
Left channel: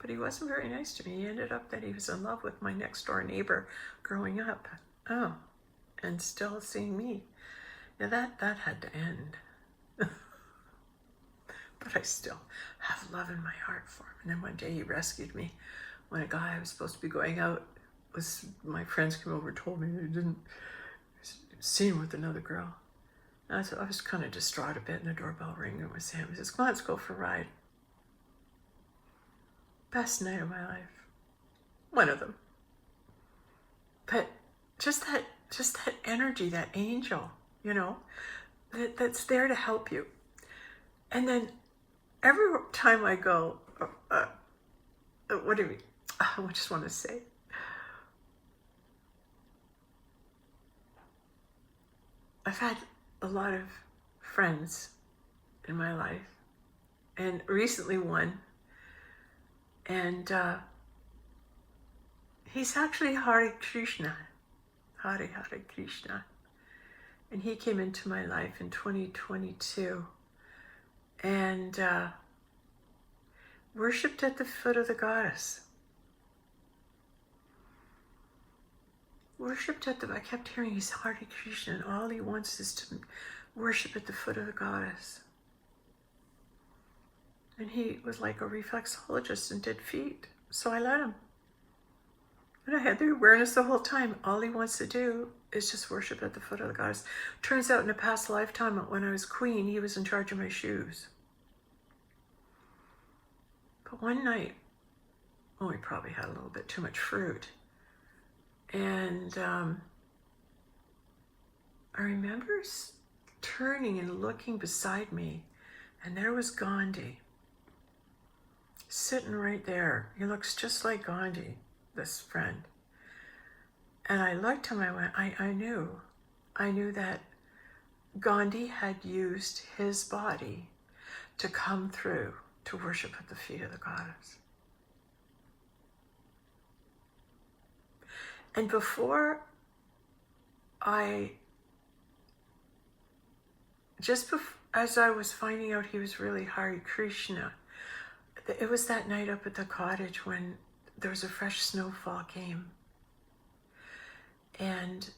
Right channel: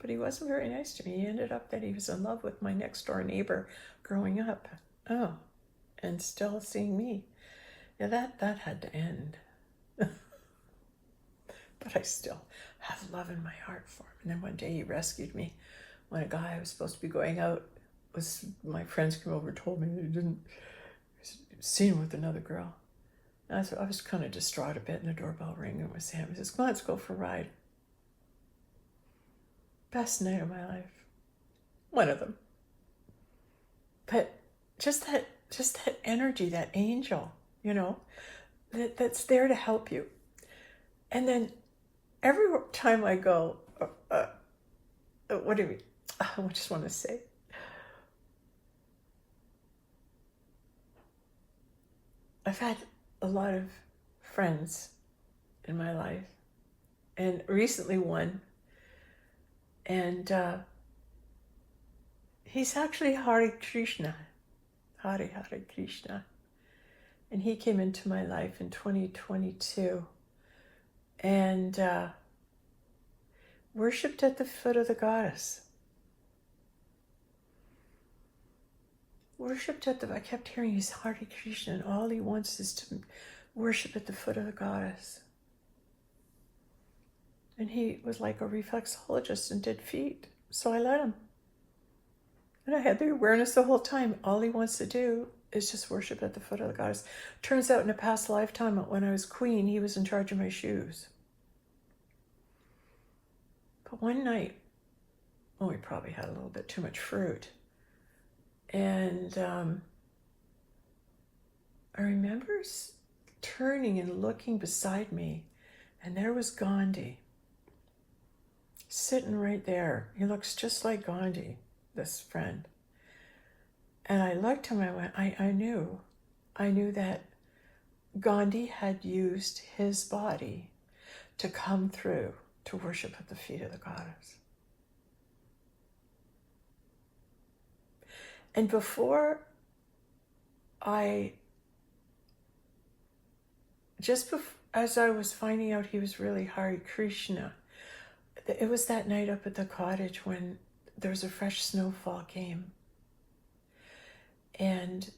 But he wasn't very nice to me. He ended up that he was in love with my next door neighbor growing up. Oh, and still seeing me. Yeah, that had to end. But I still have love in my heart for him. And then one day he rescued me when a guy I was supposed to be going out my friends came over and told me he didn't seen with another girl. I was kind of distraught a bit, and the doorbell rang. It was him. He says, "Come on, let's go for a ride." Best night of my life. One of them. But just that energy, that angel, that's there to help you. And then every time I go, what do you mean? I just want to say, I've had a lot of friends in my life, and recently one, and he's actually Hare Krishna, and he came into my life in 2022, and worshipped at the foot of the goddess. I kept hearing he's Hare Krishna, and all he wants is to worship at the foot of the goddess. And he was like a reflexologist and did feet, so I let him. And I had the awareness the whole time. All he wants to do is just worship at the foot of the goddess. Turns out in a past lifetime, when I was queen, he was in charge of my shoes. But one night, we probably had a little bit too much fruit. And I remember turning and looking beside me, and there was Gandhi, sitting right there. He looks just like Gandhi, this friend. And I looked at him, I went, I knew that Gandhi had used his body to come through to worship at the feet of the goddess. And before as I was finding out he was really Hare Krishna, it was that night up at the cottage when there was a fresh snowfall came, and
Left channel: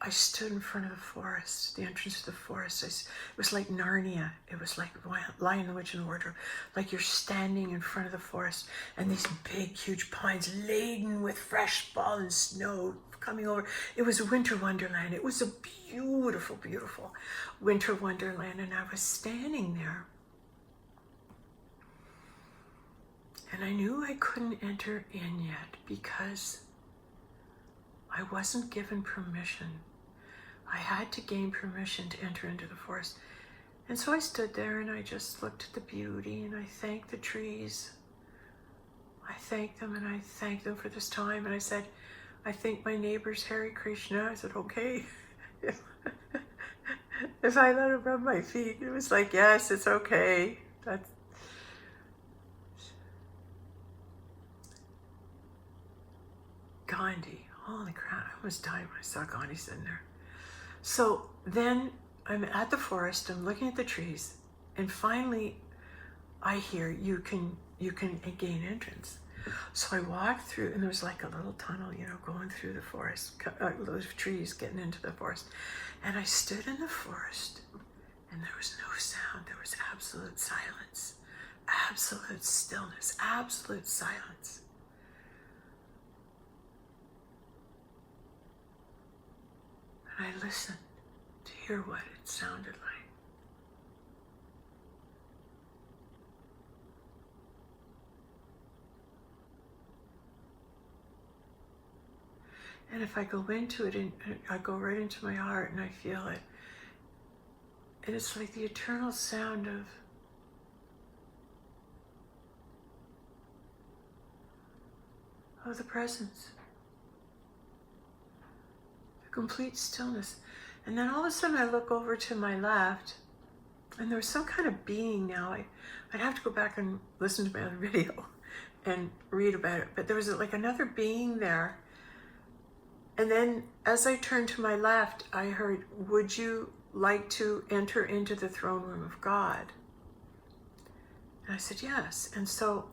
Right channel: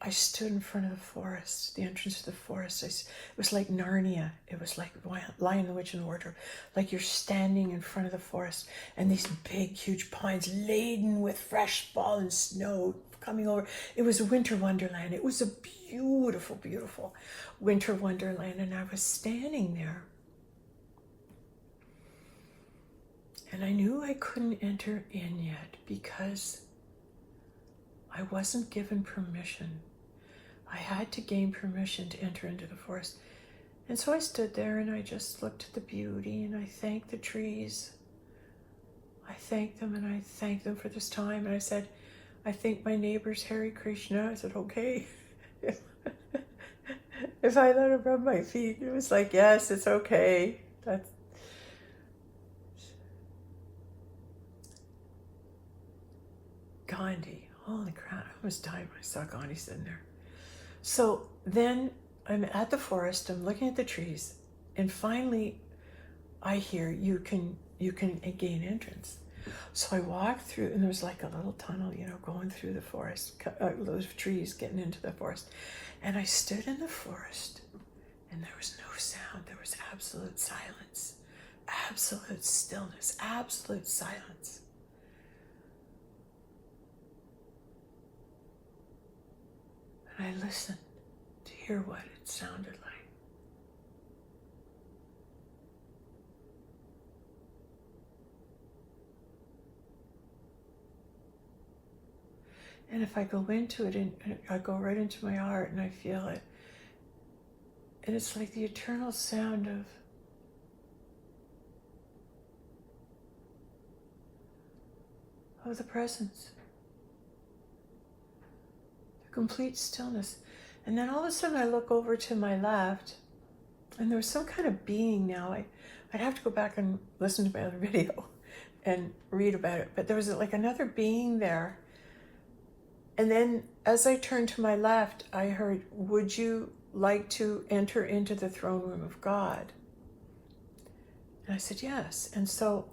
I stood in front of the forest, the entrance to the forest. It was like Narnia. It was like Lion, the Witch, and the Wardrobe. Like you're standing in front of the forest, and these big, huge pines laden with fresh fallen snow coming over. It was a winter wonderland. It was a beautiful, beautiful winter wonderland, and I was standing there. And I knew I couldn't enter in yet because I wasn't given permission. I had to gain permission to enter into the forest. And so I stood there and I just looked at the beauty and I thanked the trees. I thanked them and I thanked them for this time. And I said, I thank my neighbors, Hare Krishna. I said, okay. If I let him rub my feet, it was like, yes, it's okay. That's Gandhi. Holy crap, I almost died when I saw Gandhi sitting there. So then I'm at the forest, I'm looking at the trees, and finally I hear you can gain entrance. So I walked through, and there was like a little tunnel, going through the forest, those trees getting into the forest. And I stood in the forest, and there was no sound. There was absolute silence, absolute stillness, absolute silence. And I listened to hear what it sounded like. And if I go into it, and I go right into my heart and I feel it, and it's like the eternal sound of the presence. Complete stillness. And then all of a sudden I look over to my left, and there was some kind of being now. I'd have to go back and listen to my other video and read about it, but there was like another being there. And then as I turned to my left, I heard, would you like to enter into the throne room of God? And I said, yes. And so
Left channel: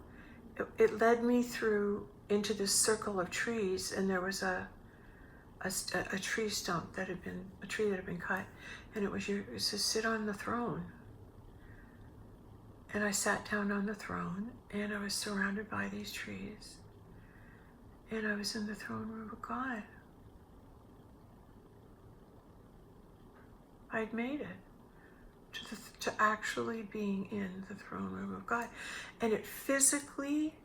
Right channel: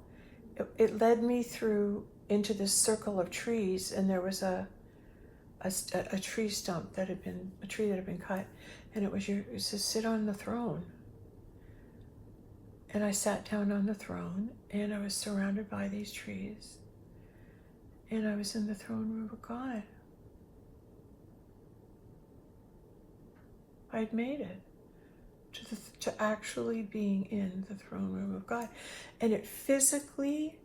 it led me through into this circle of trees, and there was a tree stump that had been, a tree that had been cut, and it was to sit on the throne. And I sat down on the throne, and I was surrounded by these trees, and I was in the throne room of God. I'd made it to actually being in the throne room of God. And it physically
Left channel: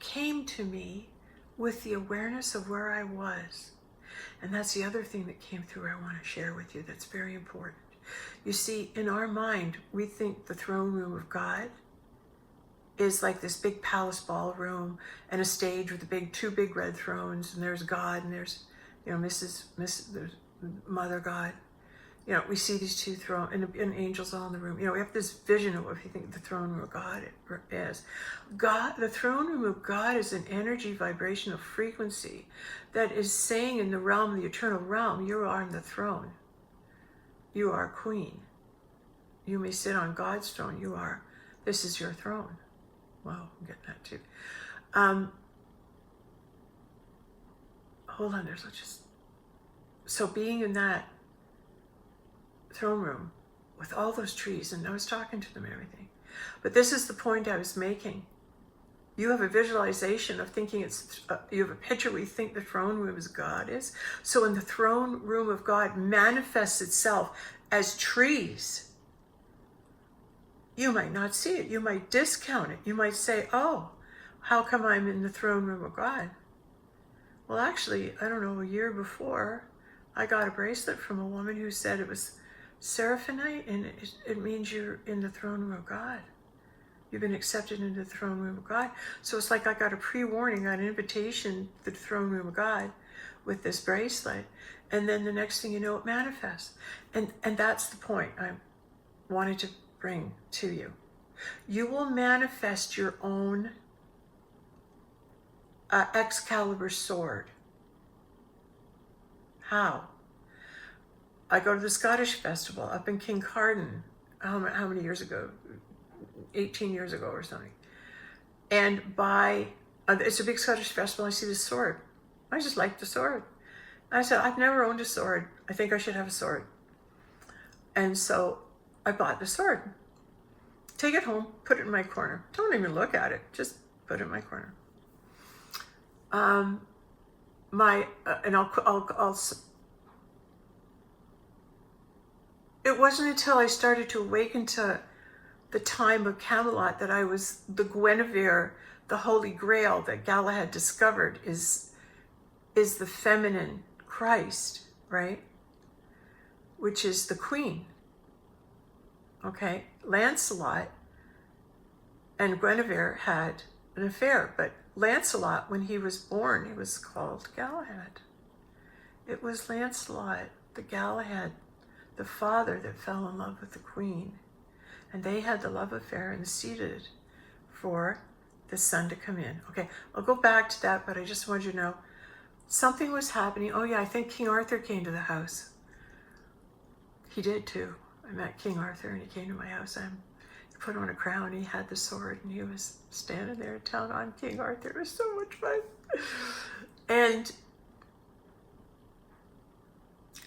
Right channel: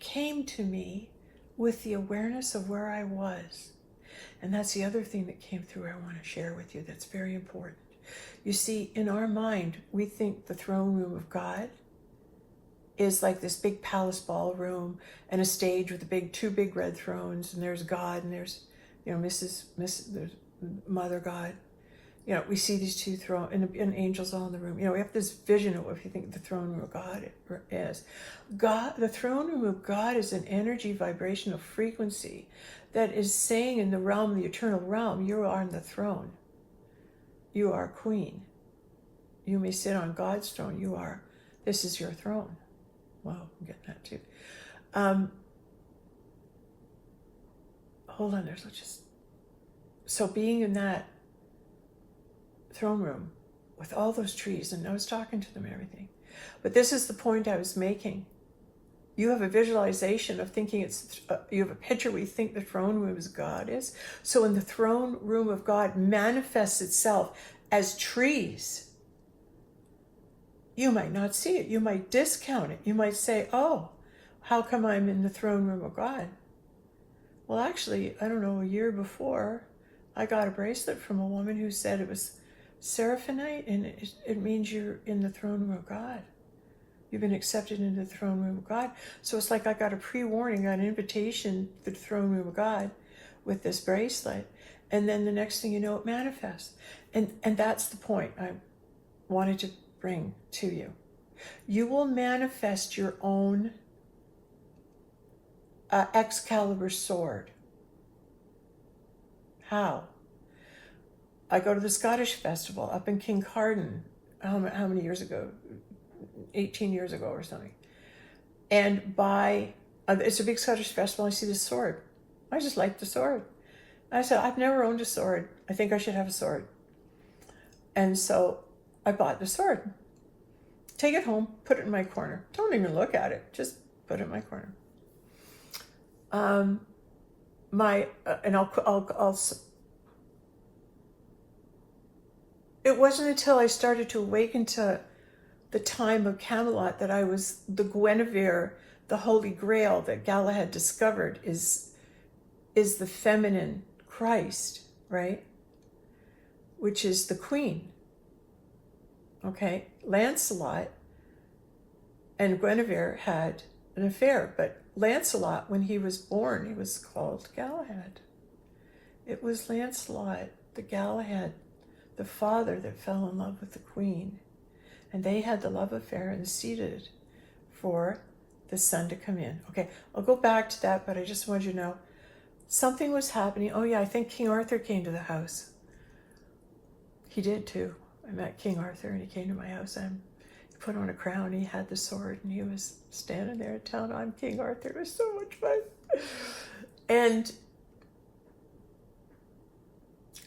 came to me with the awareness of where I was. And that's the other thing that came through I want to share with you that's very important. You see, in our mind, we think the throne room of God is like this big palace ballroom and a stage with two big red thrones, and there's God, and there's, there's Mother God. We see these two thrones and angels all in the room. We have this vision of what we think the throne room of God is. God, the throne room of God is an energy vibrational frequency that is saying in the realm, the eternal realm, you are on the throne. You are queen. You may sit on God's throne. This is your throne. Wow, I'm getting that too. Hold on, so being in that throne room with all those trees, and I was talking to them and everything. But this is the point I was making. You have a visualization of thinking you have a picture where you think the throne room is God is. So when the throne room of God manifests itself as trees, you might not see it. You might discount it. You might say, oh, how come I'm in the throne room of God? Well, actually, I don't know, a year before, I got a bracelet from a woman who said it was seraphonite, and it means you're in the throne room of God. You've been accepted into the throne room of God. So it's like I got a pre-warning, an invitation to the throne room of God with this bracelet. And then the next thing you know, it manifests. And that's the point I wanted to bring to you. You will manifest your own Excalibur sword. How? I go to the Scottish festival up in Kincardine, how many years ago? 18 years ago or something. And it's a big Scottish festival. I see this sword. I just like the sword. I said, I've never owned a sword. I think I should have a sword. And so I bought the sword. Take it home, put it in my corner. Don't even look at it. Just put it in my corner. It wasn't until I started to awaken to the time of Camelot that I was the Guinevere, the Holy Grail that Galahad discovered is the feminine Christ, right? Which is the queen. Okay, Lancelot and Guinevere had an affair, but Lancelot, when he was born, he was called Galahad. It was Lancelot, the Galahad, the father that fell in love with the queen. And they had the love affair and seated for the son to come in. Okay, I'll go back to that, but I just wanted you to know something was happening. Oh yeah, I think King Arthur came to the house. He did too. I met King Arthur and he came to my house. He put on a crown, he had the sword, and he was standing there telling I'm King Arthur. It was so much fun. And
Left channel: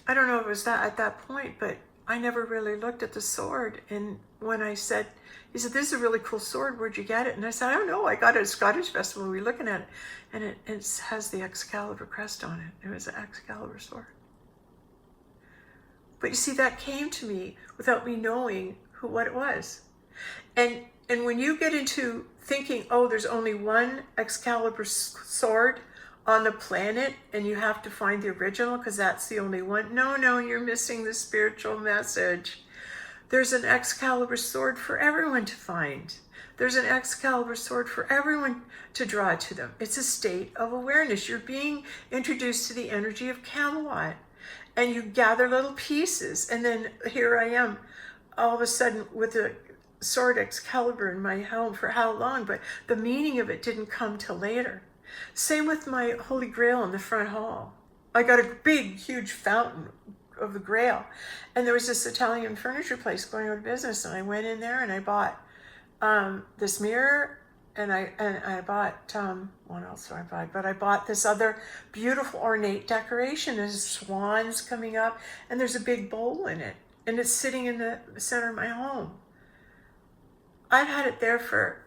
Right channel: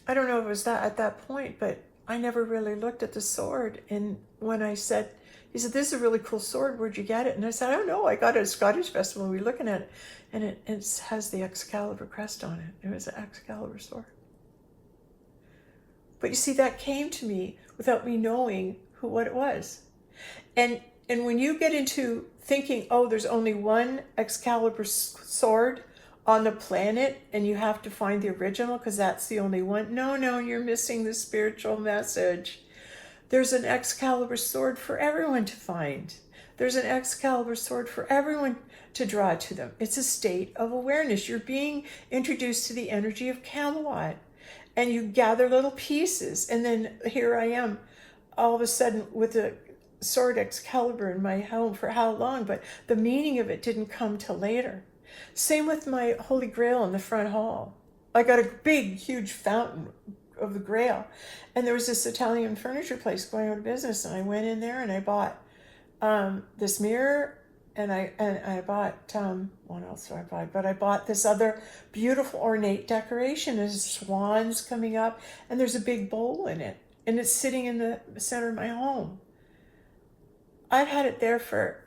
I don't know if it was that at that point, but I never really looked at the sword. And when he said, this is a really cool sword, where'd you get it? And I said, I don't know, I got it at a Scottish festival, we were looking at it. And it has the Excalibur crest on it. It was an Excalibur sword. But you see, that came to me without me knowing what it was. And when you get into thinking, oh, there's only one Excalibur sword on the planet and you have to find the original because that's the only one. No, you're missing the spiritual message. There's an Excalibur sword for everyone to find. There's an Excalibur sword for everyone to draw to them. It's a state of awareness. You're being introduced to the energy of Camelot. And you gather little pieces. And then here I am, all of a sudden with a sword Excalibur in my home for how long? But the meaning of it didn't come till later. Same with my Holy Grail in the front hall. I got a big, huge fountain of the Grail. And there was this Italian furniture place going out of business. And I went in there and I bought this mirror. And I bought, what else do I buy? But I bought this other beautiful ornate decoration. There's swans coming up and there's a big bowl in it. And it's sitting in the center of my home. I've had it there for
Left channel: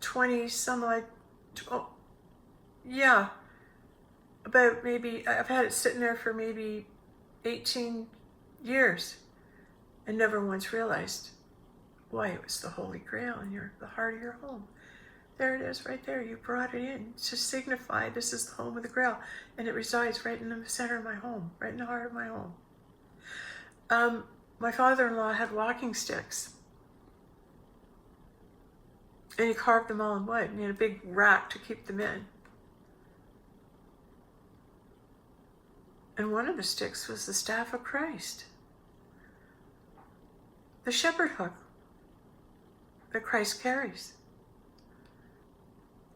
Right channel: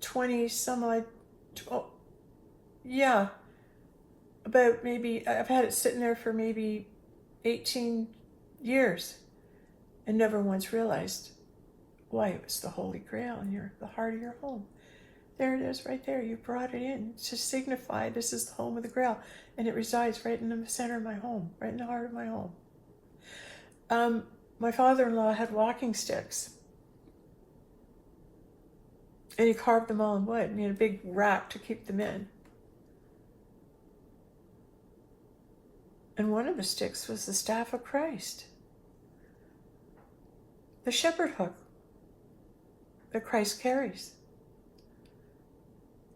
20 some odd, yeah. About maybe, I've had it sitting there for maybe 18 years and never once realized why it was the Holy Grail in the heart of your home. There it is right there. You brought it in to signify this is the home of the Grail. And it resides right in the center of my home, right in the heart of my home. My father-in-law had walking sticks. And he carved them all in wood. And he had a big rack to keep them in. And one of the sticks was the staff of Christ. The shepherd hook that Christ carries.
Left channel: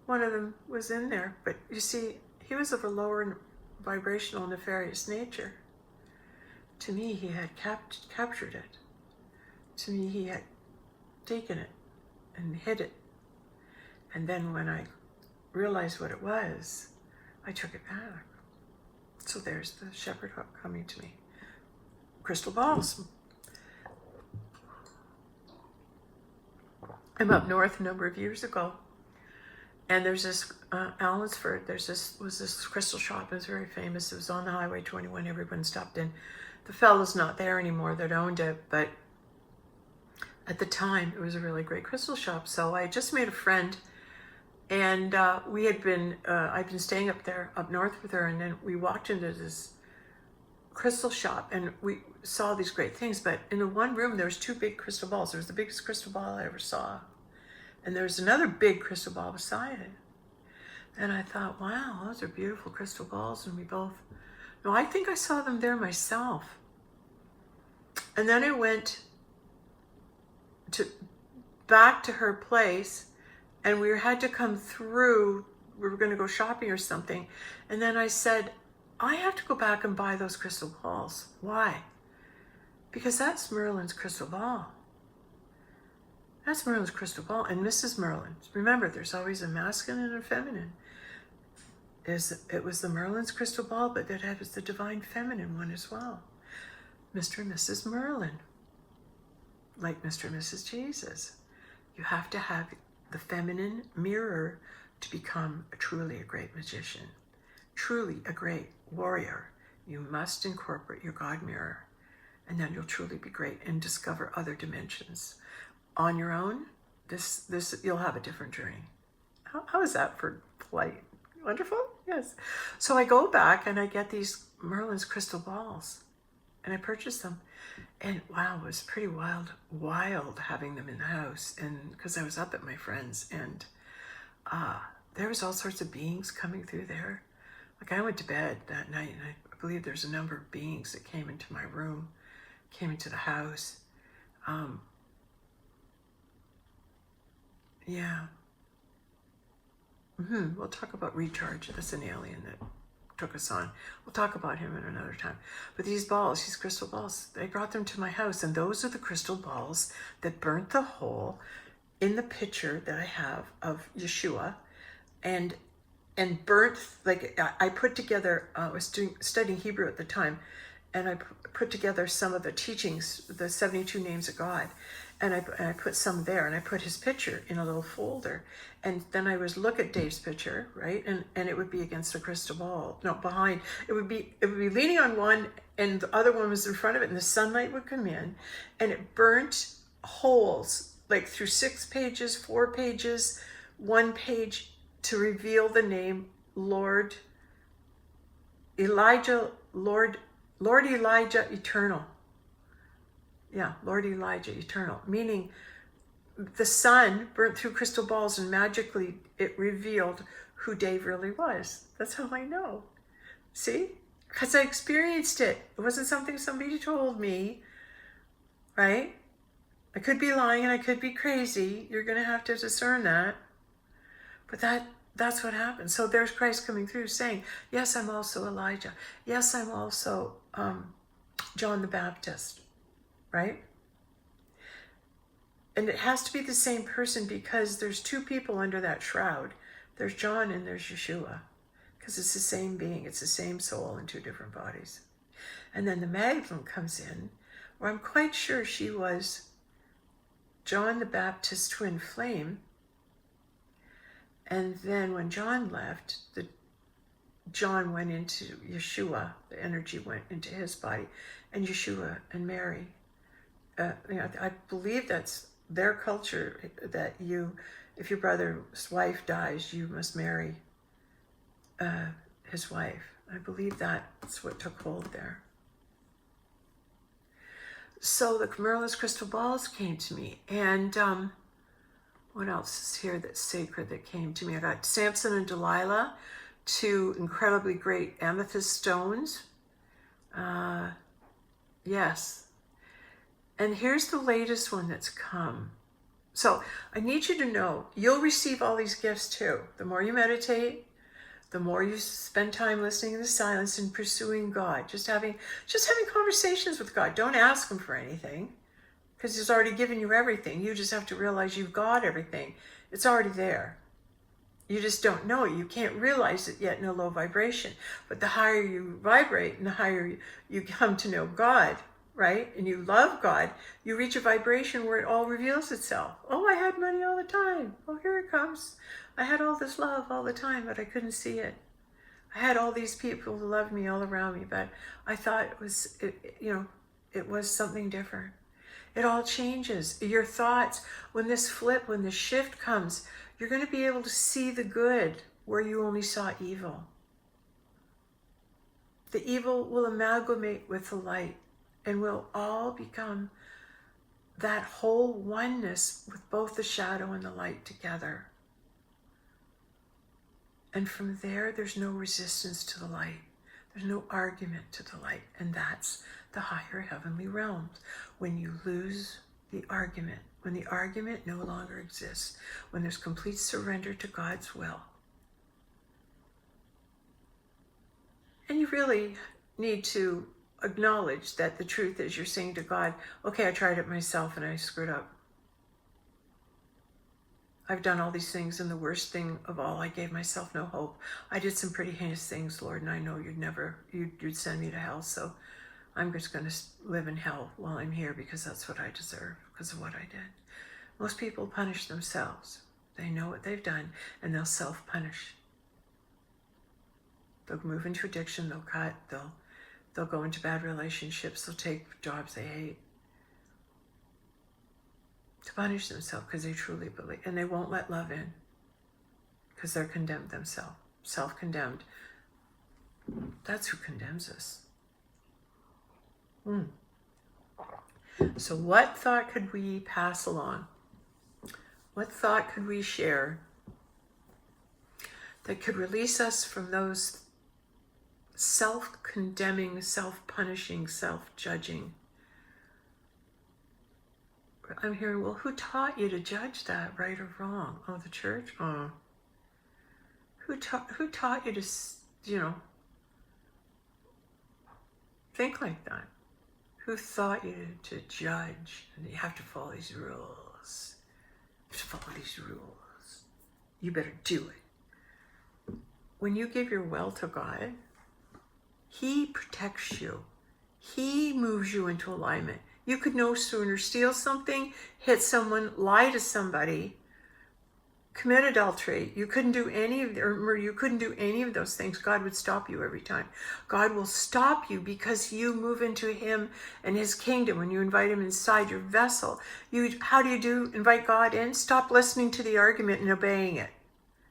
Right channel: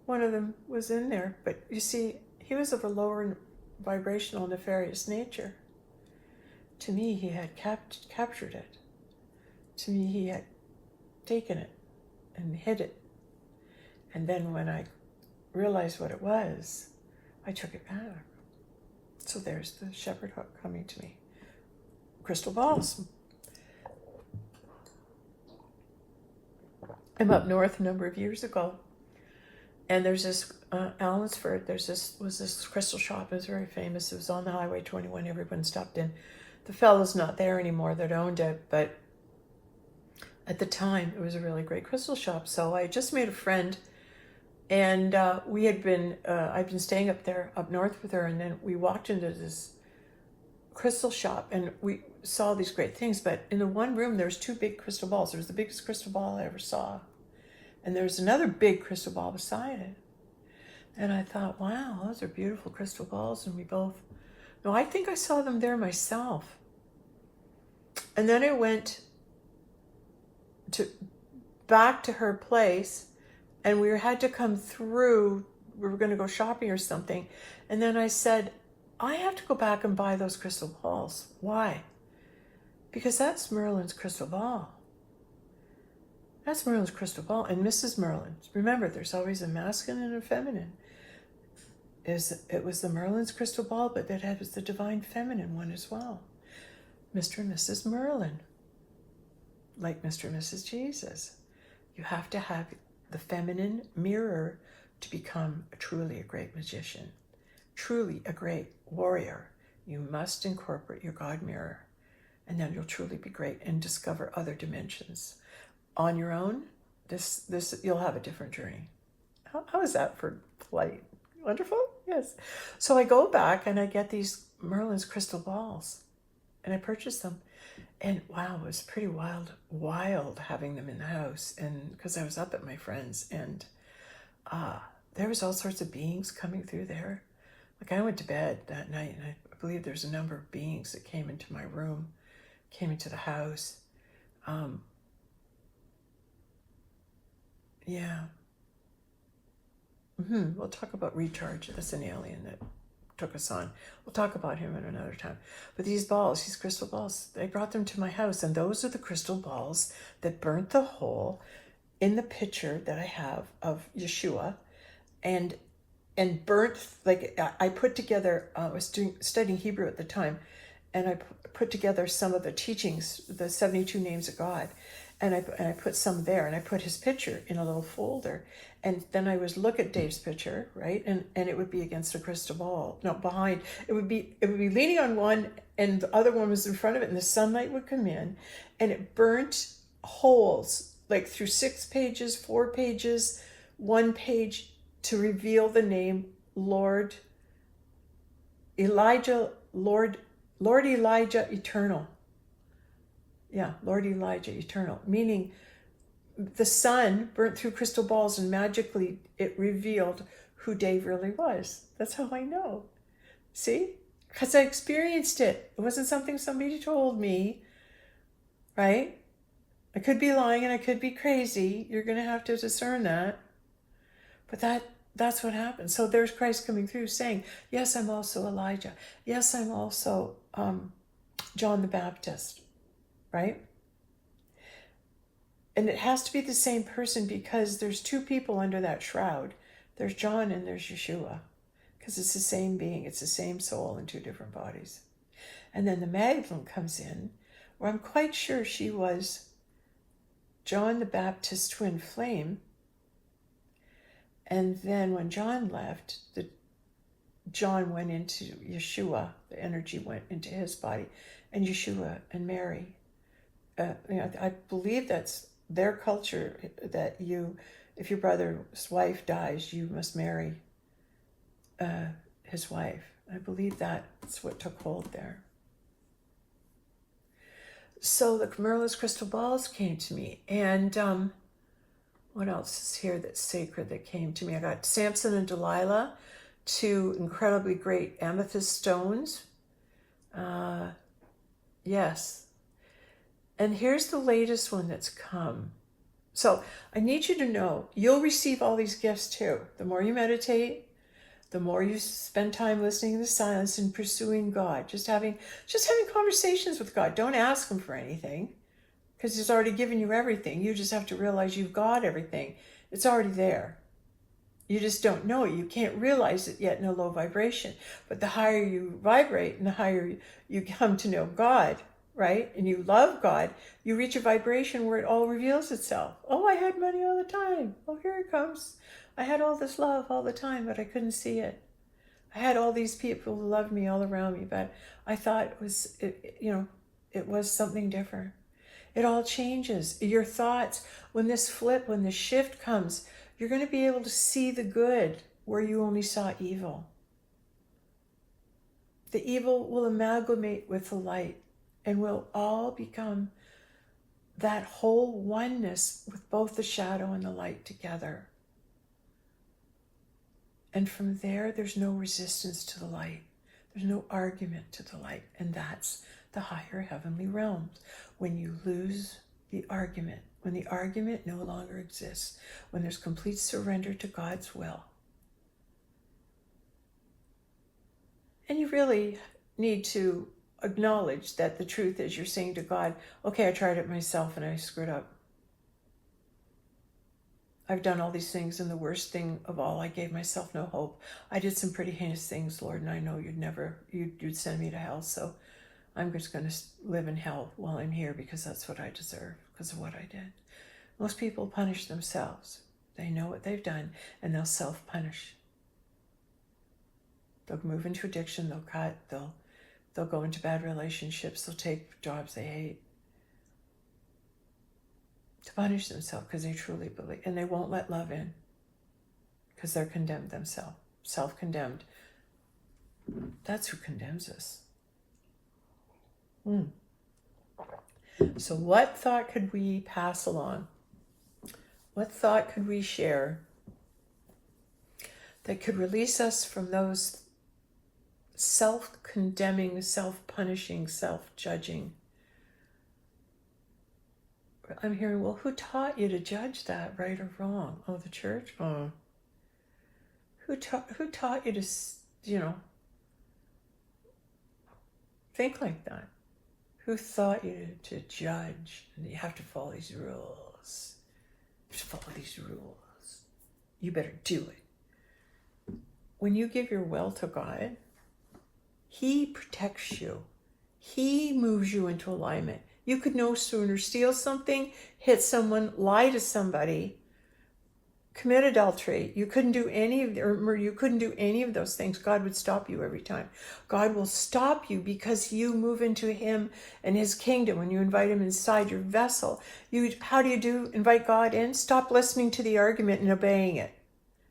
One of them was in there, but you see, he was of a lower vibrational nefarious nature. To me, he had captured it. To me, he had taken it and hid it. And then when I realized what it was, I took it back. So there's the shepherd hook coming to me. Crystal balls. I'm up north a number of years ago. And there's this, Allinsford, was this crystal shop. It was very famous. It was on the Highway 21. Everyone stopped in. The fellow's not there anymore that owned it, but at the time, it was a really great crystal shop. So I just made a friend, and I'd been staying up there, up north with her, and then we walked into this crystal shop, and we saw these great things, but in the one room, there was two big crystal balls. There was the biggest crystal ball I ever saw. And there was another big crystal ball beside it. And I thought, wow, those are beautiful crystal balls. And no, I think I saw them there myself. And then I went back to her place and we had to come through. We were going to go shopping or something. And then I said, I have to go back and buy those crystal balls. Why? Because that's Merlyn's crystal ball. That's Merlin's crystal ball. And Mrs. Merlyn, remember, there's always a masculine and a feminine. It was the Merlin's crystal ball, but it was the divine feminine one as well. Mr. and Mrs. Merlyn, like Mr. and Mrs. Jesus. You have to have the feminine mirror to become truly a great magician, truly a great warrior. You must incorporate your God mirror, and then you'll truly be great and discover other dimensions. On your own, this you'll have a different journey. How is that for polite? Wonderful? Yes. So I go back and I get these Merlin's crystal balls and I purchase them. And wow, it was pretty wild having them in the house. And because I was up at my friend's, and there was all sorts of beings coming through there. Like I went to bed that night and I believe there's a number of beings that came into my room, came into the house. Yeah. We'll talk about Recharge. That's an alien that took us on. We'll talk about him at another time. But these balls, these crystal balls, they brought them to my house. And those are the crystal balls that burnt the hole in the picture that I have of Yeshua. And burnt, like I put together, I was studying Hebrew at the time. And I put together some of the teachings, the 72 names of God. And I put some there, and I put his picture in a little folder. And then I would look at Dave's picture, right? And it would be against a crystal ball. No, behind. It would be leaning on one, and the other one was in front of it, and the sunlight would come in, and it burnt holes, like through 6 pages, 4 pages, 1 page, to reveal the name Lord Elijah Eternal. Yeah, Lord Elijah Eternal, meaning the sun burnt through crystal balls and magically it revealed who Dave really was. That's how I know. See? Because I experienced it. It wasn't something somebody told me, right? I could be lying and I could be crazy. You're going to have to discern that. But that's what happened. So there's Christ coming through saying, yes, I'm also Elijah. Yes, I'm also John the Baptist. Right? And it has to be the same person because there's 2 people under that shroud. There's John and there's Yeshua. Because it's the same being. It's the same soul in 2 different bodies. And then the Magdalene comes in, where I'm quite sure she was John the Baptist's twin flame. And then when John left, John went into Yeshua. The energy went into his body. And Yeshua and Mary. I believe that's their culture, that if your brother's wife dies, you must marry his wife. I believe that's what took hold there. So the Merlin's crystal balls came to me. And what else is here that's sacred that came to me? I got Samson and Delilah, 2 incredibly great amethyst stones. Yes. And here's the latest one that's come. So I need you to know, you'll receive all these gifts too. The more you meditate, the more you spend time listening in the silence and pursuing God. Just having conversations with God. Don't ask him for anything, because he's already given you everything. You just have to realize you've got everything. It's already there. You just don't know it. You can't realize it yet in a low vibration. But the higher you vibrate and the higher you come to know God, right? And you love God, you reach a vibration where it all reveals itself. Oh, I had money all the time. Oh, here it comes. I had all this love all the time, but I couldn't see it. I had all these people who loved me all around me, but I thought it was something different. It all changes. Your thoughts, when this shift comes, you're going to be able to see the good where you only saw evil. The evil will amalgamate with the light. And we'll all become that whole oneness with both the shadow and the light together. And from there's no resistance to the light. There's no argument to the light. And that's the higher heavenly realms. When you lose the argument, when the argument no longer exists, when there's complete surrender to God's will. And you really need to acknowledge that the truth is you're saying to God, okay, I tried it myself and I screwed up. I've done all these things, and the worst thing of all, I gave myself no hope. I did some pretty heinous things, Lord, and I know you'd send me to hell, so I'm just going to live in hell while I'm here because that's what I deserve because of what I did. Most people punish themselves. They know what they've done, and they'll self-punish. They'll move into addiction, they'll cut, they'll go into bad relationships, they'll take jobs they hate. To punish themselves because they truly believe, and they won't let love in because they're condemned themselves, self-condemned. That's who condemns us. So what thought could we pass along? What thought could we share that could release us from those self-condemning, self-punishing, self-judging? I'm hearing, well, who taught you to judge that, right or wrong? Oh, the church? Oh. Who taught you to, think like that? Who taught you to judge? And you have to follow these rules. You have to follow these rules. You better do it. When you give your will to God, He protects you. He moves you into alignment. You could no sooner steal something, hit someone, lie to somebody, commit adultery. You couldn't do any of those things. God would stop you every time. God will stop you because you move into Him and His kingdom when you invite Him inside your vessel. How do invite God in? Stop listening to the argument and obeying it.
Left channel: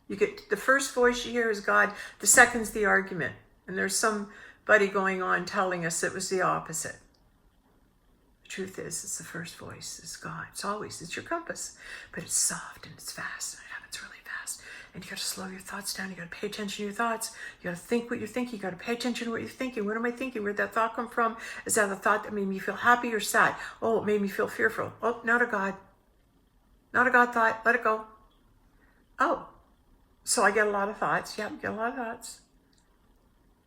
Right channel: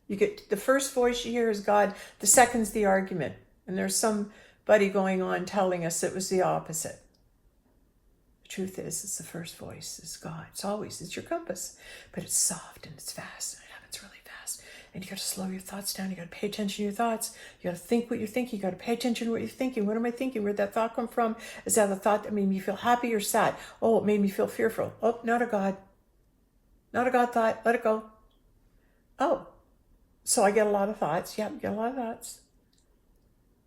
You get the first voice you hear is God. The second's the argument, and there's somebody going on telling us it was the opposite. Truth is, it's the first voice, it's God. It's your compass, but it's soft and it's fast. It happens really fast. And you got to slow your thoughts down. You got to pay attention to your thoughts. You got to think what you're thinking. You got to pay attention to what you're thinking. What am I thinking? Where'd that thought come from? Is that a thought that made me feel happy or sad? Oh, it made me feel fearful. Oh, not a God thought. Let it go. Oh, so I get a lot of thoughts. Yep, get a lot of thoughts.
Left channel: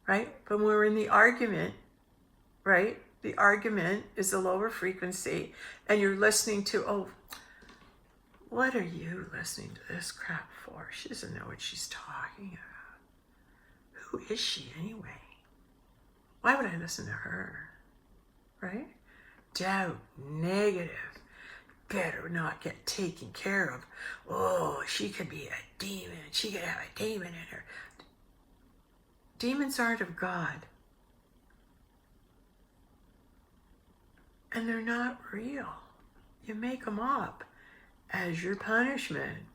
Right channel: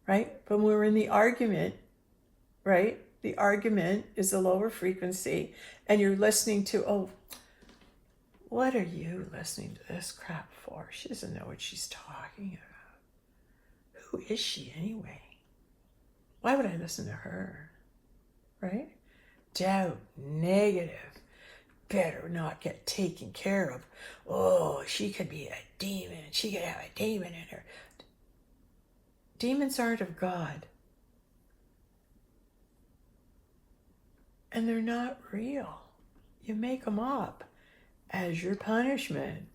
Right? But when we're in the argument, right? The argument is a lower frequency, and you're listening to, oh, what are you listening to this crap for? She doesn't know what she's talking about. Who is she anyway? Why would I listen to her? Right? Doubt, negative, better not get taken care of. Oh, she could be a demon. She could have a demon in her. Demons aren't of God. And they're not real. You make them up as your punishment.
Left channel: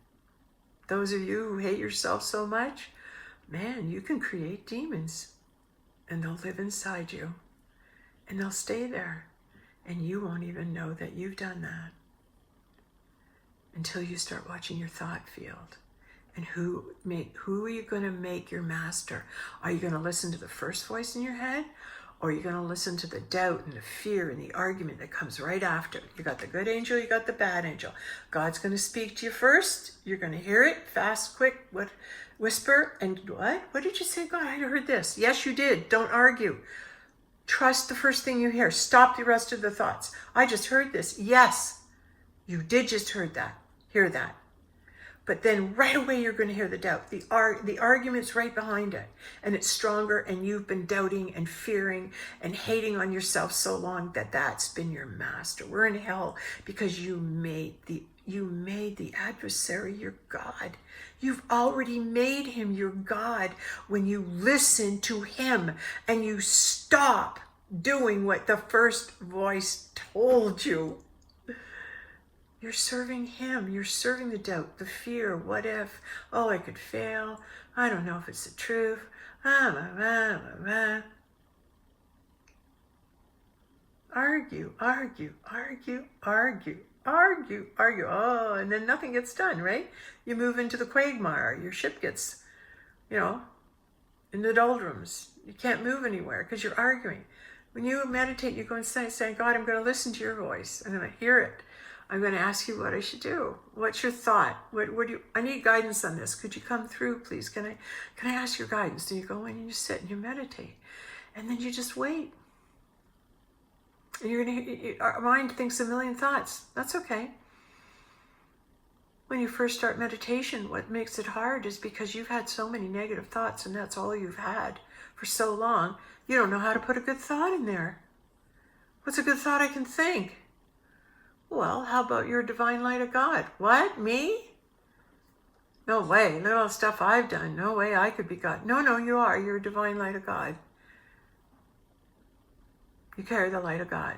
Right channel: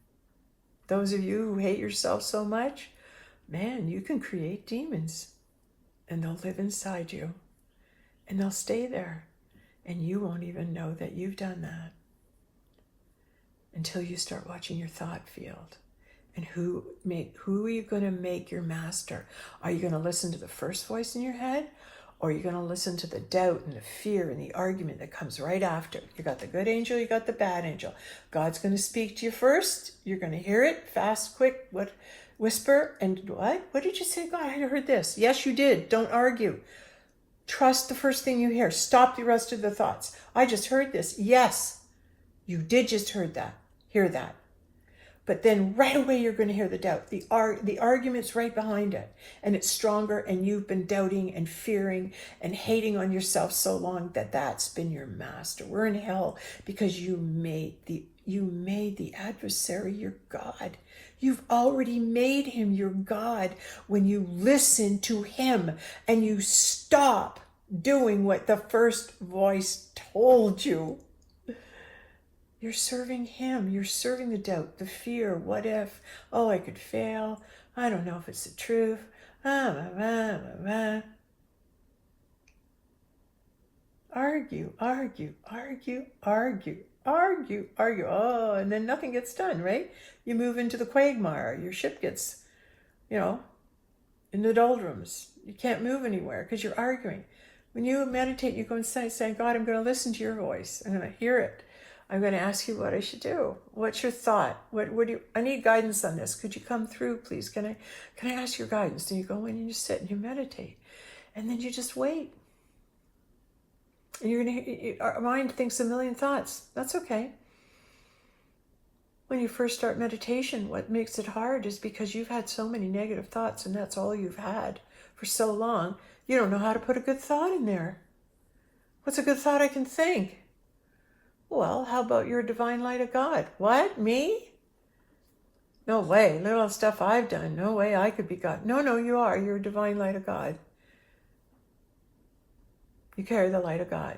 Those of you who hate yourself so much, man, you can create demons. And they'll live inside you. And they'll stay there. And you won't even know that you've done that. Until you start watching your thought field. And who are you going to make your master? Are you going to listen to the first voice in your head? Or you're going to listen to the doubt and the fear and the argument that comes right after. You got the good angel, you got the bad angel. God's going to speak to you first. You're going to hear it, fast, quick, whisper, and what? What did you say, God? I heard this. Yes, you did. Don't argue. Trust the first thing you hear. Stop the rest of the thoughts. I just heard this. Yes, you did just hear that. But then right away you're going to hear the doubt. The argument's right behind it. And it's stronger, and you've been doubting and fearing and hating on yourself so long that that's been your master. We're in hell because you made the adversary your God. You've already made him your God when you listen to him and you stop doing what the first voice told you. You're serving him. You're serving the doubt, the fear. What if? Oh, I could fail. I don't know if it's the truth. Argue. Oh, and then nothing gets done, right? You move into the quagmire. Your ship gets, in the doldrums. You can't move anywhere because you're arguing. When you meditate, you go inside saying, God, I'm going to listen to your voice. I'm going to hear it. I'm going to ask you what I should do. What's your thought? I need guidance on this. Could you come through, please? Can I ask your guidance? And you go in and you sit and you meditate. And then you just wait. And our mind thinks a million thoughts. That's okay. when you first start meditation, what makes it hard is because you've had so many negative thoughts and that's all you've had for so long. You don't know how to put a good thought in there. What's a good thought I can think? Well, how about you're a divine light of God? What? Me? No way. Look at all the stuff I've done. No way I could be God. No, you are. You're a divine light of God. You carry the light of God.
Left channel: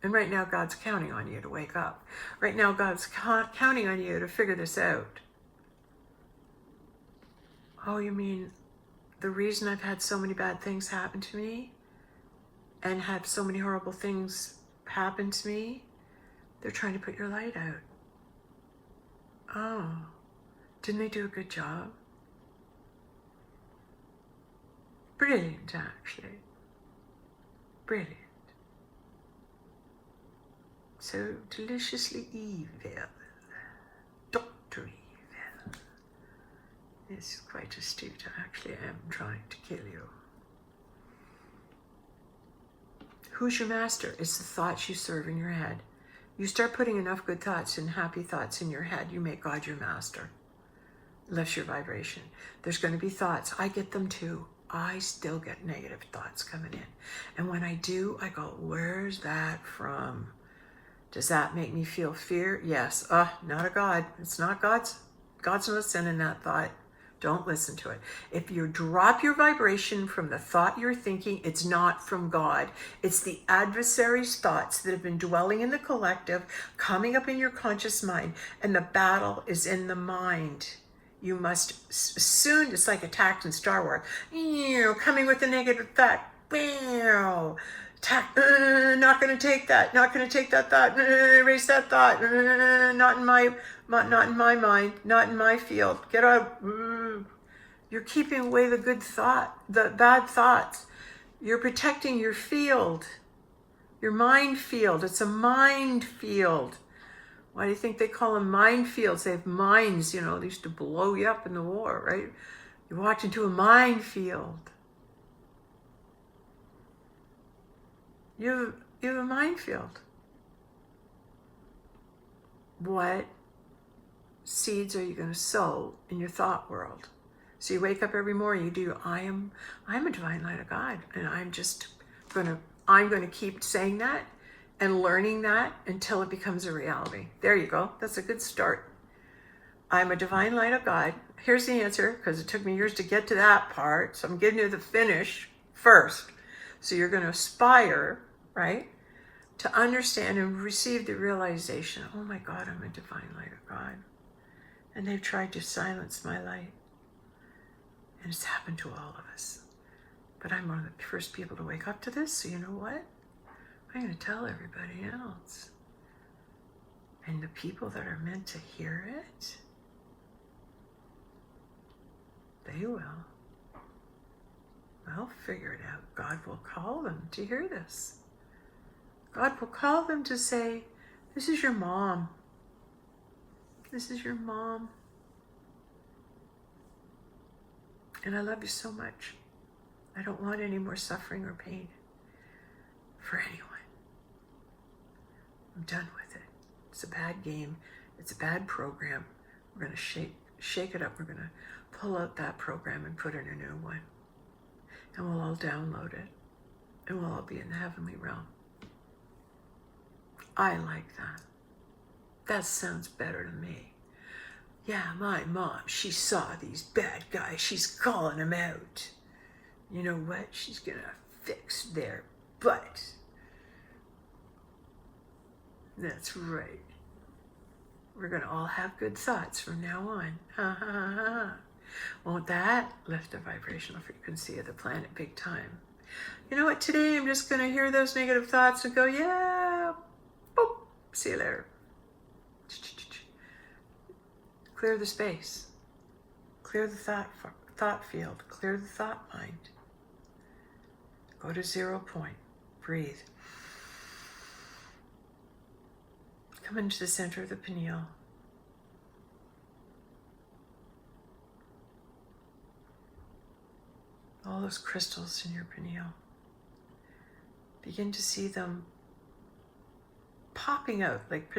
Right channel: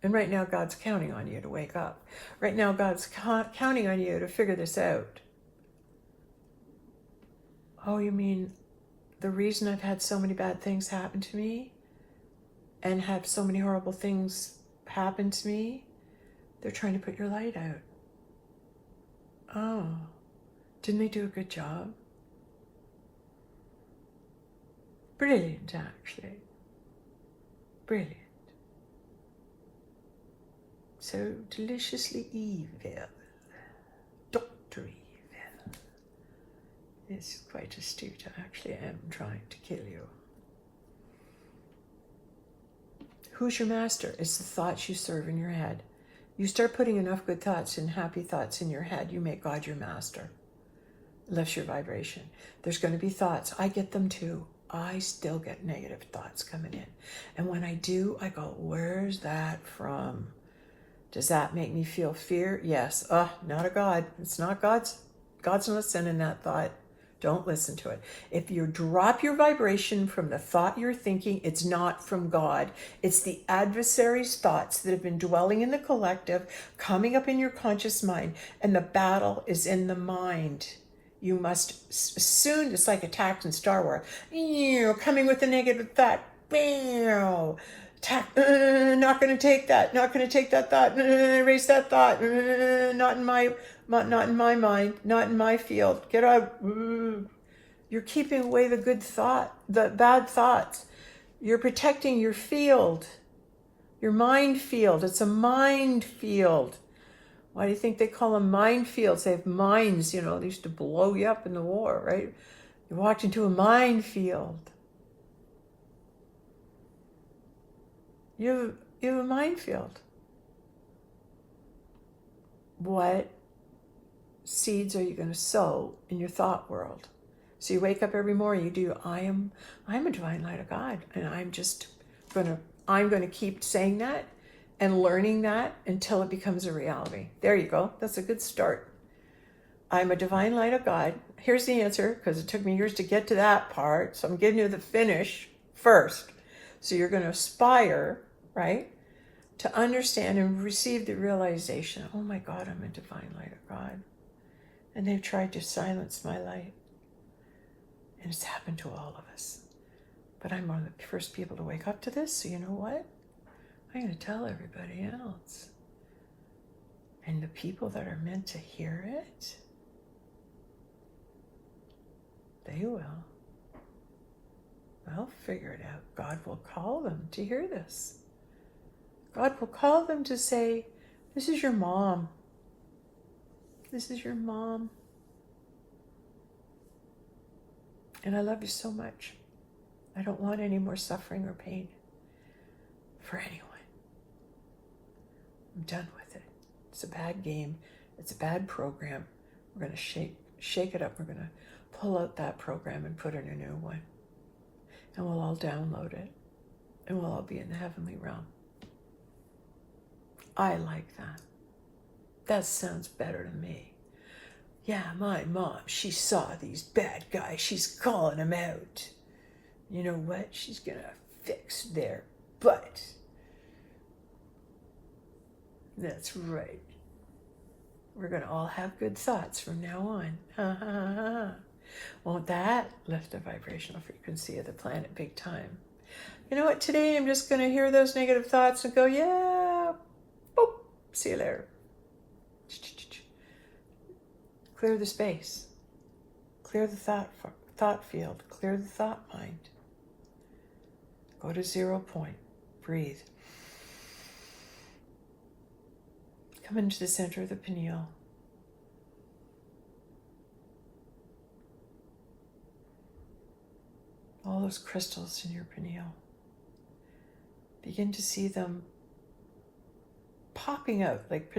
And right now, God's counting on you to wake up. Right now, God's counting on you to figure this out. Oh, you mean the reason I've had so many bad things happen to me and had so many horrible things happen to me? They're trying to put your light out. Oh, didn't they do a good job? Brilliant, actually. Brilliant. So deliciously evil. Dr. Evil. It's quite astute. Actually, I am trying to kill you. Who's your master? It's the thoughts you serve in your head. You start putting enough good thoughts and happy thoughts in your head, you make God your master. It lifts your vibration. There's going to be thoughts. I get them too. I still get negative thoughts coming in. And when I do, I go, where's that from? Does that make me feel fear? Yes. Not a God. It's not God's. God's not sending that thought. Don't listen to it. If you drop your vibration from the thought you're thinking, it's not from God. It's the adversary's thoughts that have been dwelling in the collective, coming up in your conscious mind, and the battle is in the mind. You must soon, it's like attacked in Star Wars, coming with a negative thought. Bam! Attack, not going to take that, not going to take that thought, erase that thought, not in my mind, not in my field, get out. You're keeping away the good thought, the bad thoughts. You're protecting your field, your mind field. It's a mind field. Why do you think they call them minefields? They have mines, they used to blow you up in the war, right? You walked into a minefield. You have a minefield. What seeds are you going to sow in your thought world? So you wake up every morning, you do, I'm a divine light of God, and I'm going to keep saying that and learning that until it becomes a reality. There you go. That's a good start. I'm a divine light of God. Here's the answer, because it took me years to get to that part. So I'm giving you the finish first. So you're going to aspire, right, to understand and receive the realization, oh my God, I'm a divine light of God. And they've tried to silence my light. And it's happened to all of us. But I'm one of the first people to wake up to this, so you know what? I'm going to tell everybody else. And the people that are meant to hear it, they will. They'll figure it out. God will call them to hear this. God will call them to say, this is your mom. This is your mom. And I love you so much. I don't want any more suffering or pain for anyone. I'm done with it. It's a bad game. It's a bad program. We're going to shake it up. We're going to pull out that program and put in a new one. And we'll all download it. And we'll all be in the heavenly realm. I like that. That sounds better to me. Yeah, my mom, she saw these bad guys. She's calling them out. You know what? She's going to fix their butt. That's right. We're going to all have good thoughts from now on. Ha ha ha ha. Won't that lift the vibrational frequency of the planet big time? You know what? Today I'm just going to hear those negative thoughts and go, yeah, boop, see you later. Clear the space. Clear the thought field. Clear the thought mind. Go to 0 point. Breathe. Come into the center of the pineal. All those crystals in your pineal. Begin to see them popping out like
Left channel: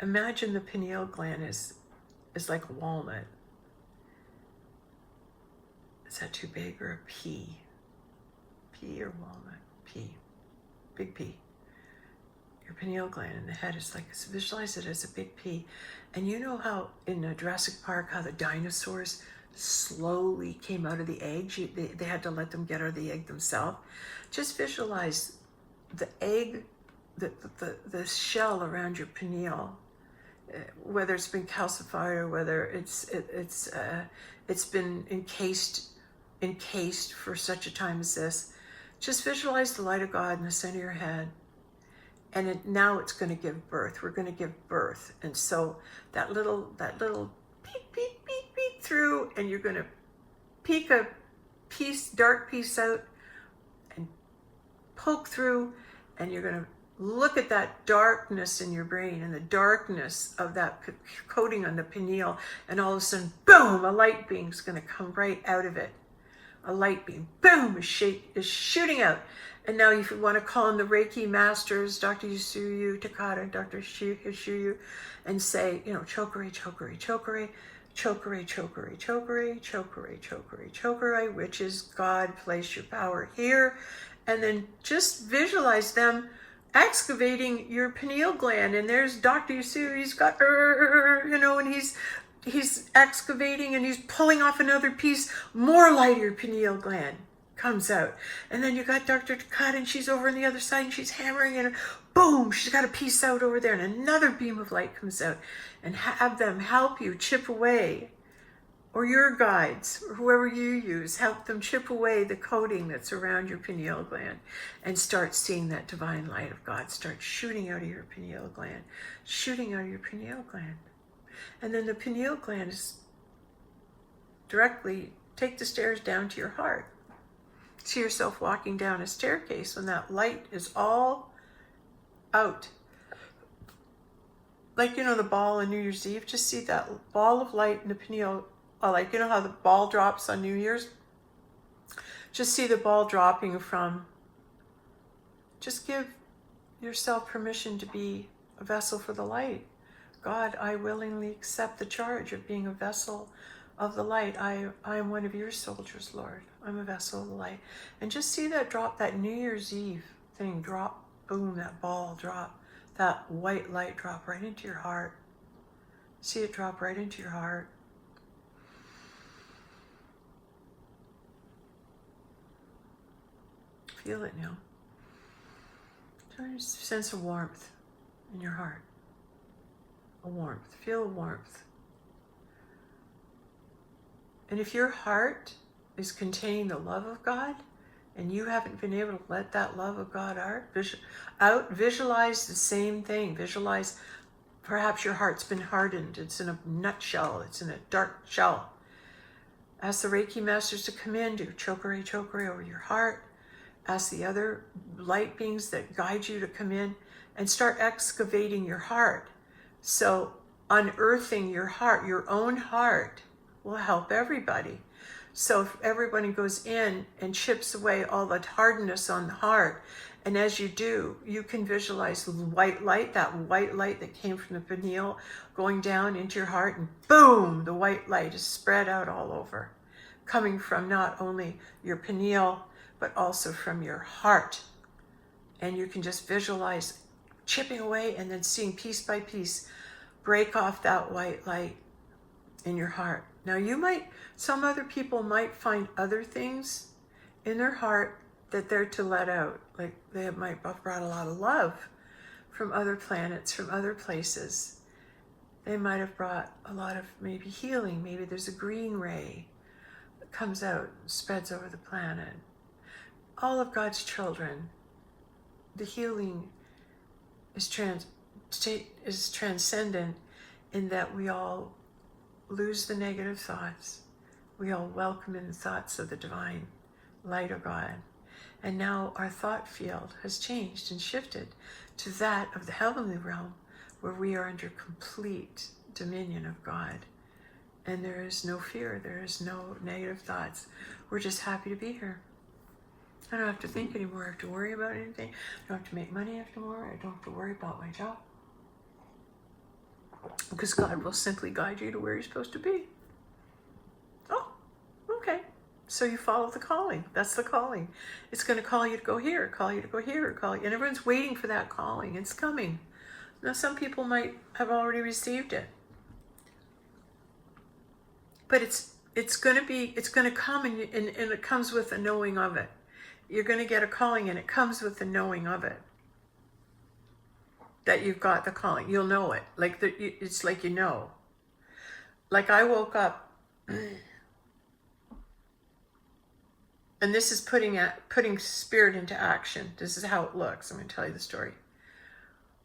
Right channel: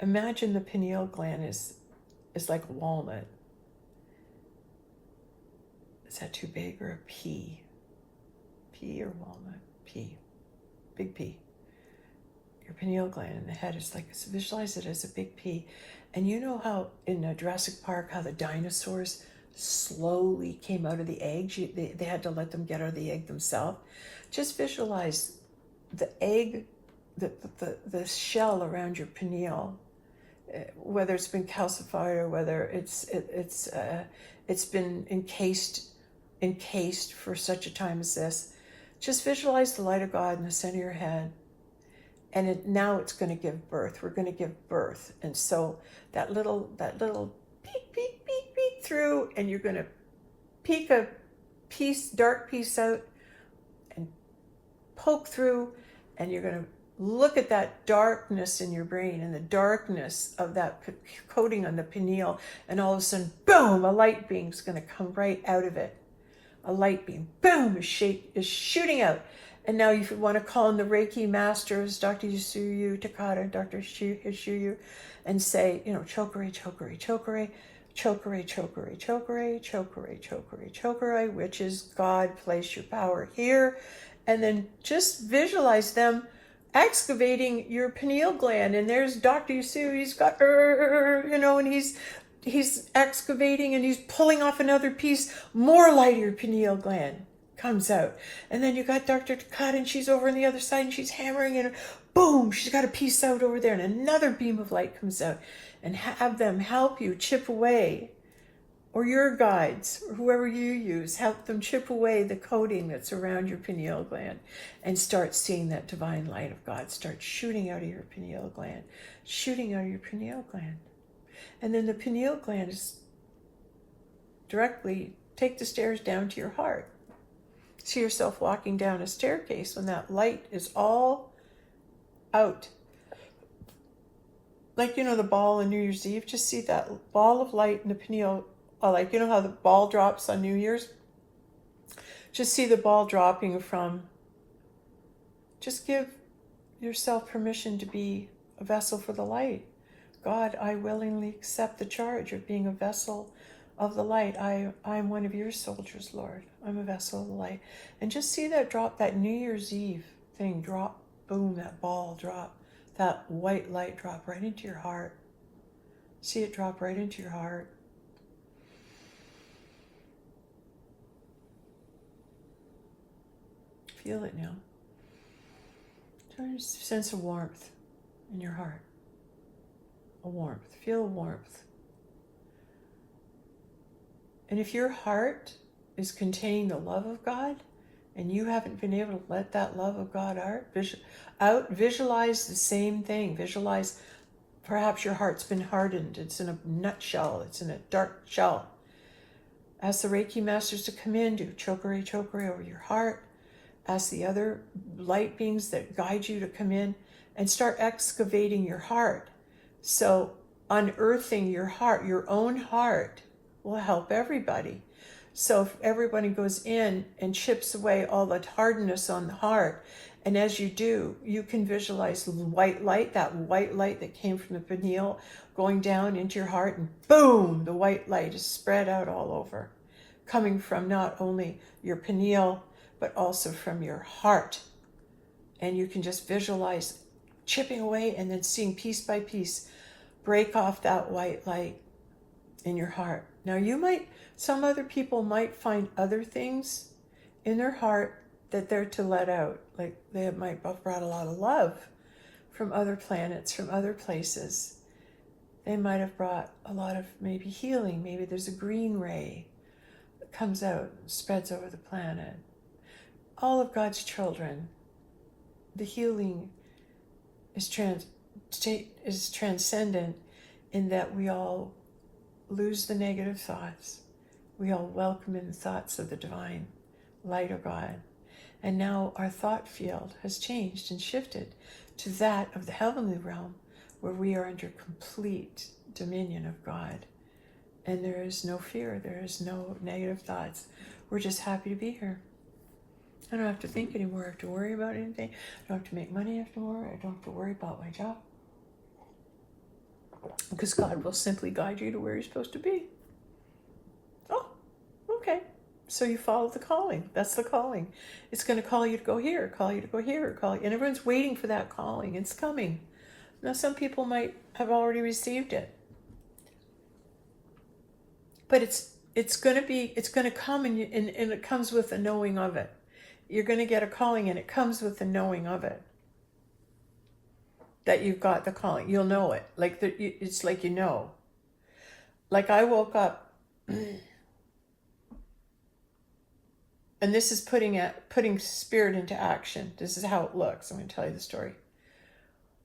imagine the pineal gland is like a walnut. Is that too big, or a pea? Pea or walnut? Pea. Big pea. Your pineal gland in the head is like, so visualize it as a big pea. And you know how in Jurassic Park, how the dinosaurs slowly came out of the eggs? They had to let them get out of the egg themselves. Just visualize the egg, the shell around your pineal, whether it's been calcified or whether it's been encased for such a time as this. Just visualize the light of God in the center of your head. And now it's going to give birth. We're going to give birth. And so that little peek through, and you're going to peek a dark piece out and poke through, and you're going to look at that darkness in your brain and the darkness of that coating on the pineal, and all of a sudden, boom, a light beam is going to come right out of it. A light beam, boom, is shooting out. And now if you want to call in the Reiki masters, Dr. Yusuyu Takata, Dr. Hishuyu, and say, chokore, chokore, chokore, chokore, chokore, chokore, chokore, chokore, chokore, which is God, place your power here. And then just visualize them excavating your pineal gland. And there's Dr. Yusuyu, he's got, and he's excavating, and he's pulling off another piece. More light of your pineal gland comes out. And then you got Dr. Takata, and she's over on the other side, and she's hammering, and boom, she's got a piece out over there, and another beam of light comes out. And have them help you chip away, or your guides, or whoever you use, help them chip away the coating that's around your pineal gland, and start seeing that divine light of God start shooting out of your pineal gland, shooting out of your pineal gland. And then the pineal gland is directly, take the stairs down to your heart. See yourself walking down a staircase when that light is all out. Like, the ball on New Year's Eve, just see that ball of light in the pineal, like, how the ball drops on New Year's? Just see the ball dropping from, just give yourself permission to be a vessel for the light. God, I willingly accept the charge of being a vessel of the light. I'm one of your soldiers, Lord. I'm a vessel of the light. And just see that drop, that New Year's Eve thing drop, boom, that ball drop, that white light drop right into your heart. See it drop right into your heart. Feel it now. Just sense a warmth in your heart. A warmth. Feel warmth. And if your heart is containing the love of God, and you haven't been able to let that love of God out, visualize the same thing. Visualize, perhaps your heart's been hardened. It's in a nutshell. It's in a dark shell. Ask the Reiki masters to come in, do chokore, chokore over your heart. Ask the other light beings that guide you to come in and start excavating your heart. So unearthing your heart, your own heart, will help everybody. So if everybody goes in and chips away all that hardness on the heart, and as you do, you can visualize white light, that white light that came from the pineal going down into your heart, and boom, the white light is spread out all over, coming from not only your pineal, but also from your heart. And you can just visualize chipping away and then seeing piece by piece break off that white light in your heart. Now some other people might find other things in their heart that they're to let out. Like they might have brought a lot of love from other planets, from other places. They might have brought a lot of maybe healing. Maybe there's a green ray that comes out and spreads over the planet. All of God's children, the healing is transcendent in that we all lose the negative thoughts. We all welcome in the thoughts of the divine light of God. And now our thought field has changed and shifted to that of the heavenly realm, where we are under complete dominion of God. And there is no fear, there is no negative thoughts. We're just happy to be here. I don't have to think anymore. I have to worry about anything. I don't have to make money anymore. I don't have to worry about my job. because God will simply guide you to where you're supposed to be. Oh, okay. So you follow the calling. That's the calling. It's going to call you to go here, call you to go here, call you. And everyone's waiting for that calling. It's coming. Now, some people might have already received it. But it's going to come, and it comes with the knowing of it. You're going to get a calling, and it comes with the knowing of it. That you've got the calling. You'll know it. It's like you know. Like I woke up, and this is putting spirit into action. This is how it looks. I'm going to tell you the story.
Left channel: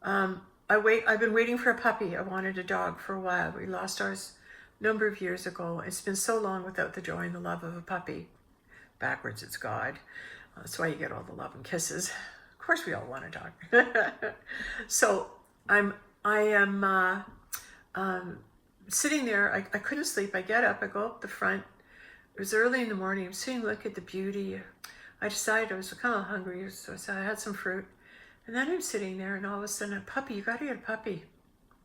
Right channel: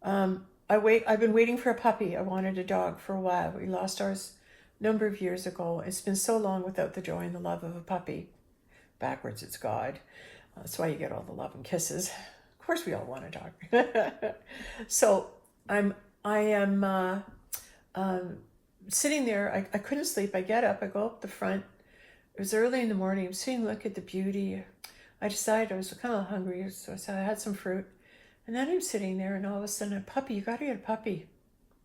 I've been waiting for a puppy. I wanted a dog for a while. We lost ours a number of years ago. It's been so long without the joy and the love of a puppy. Backwards, it's God. That's why you get all the love and kisses. Of course, we all want a dog. So I am sitting there. I couldn't sleep. I get up. I go up the front. It was early in the morning. I'm sitting, look at the beauty. I decided I was kind of hungry, so I had some fruit. And then I'm sitting there, and all of a sudden, a puppy. You got to get a puppy.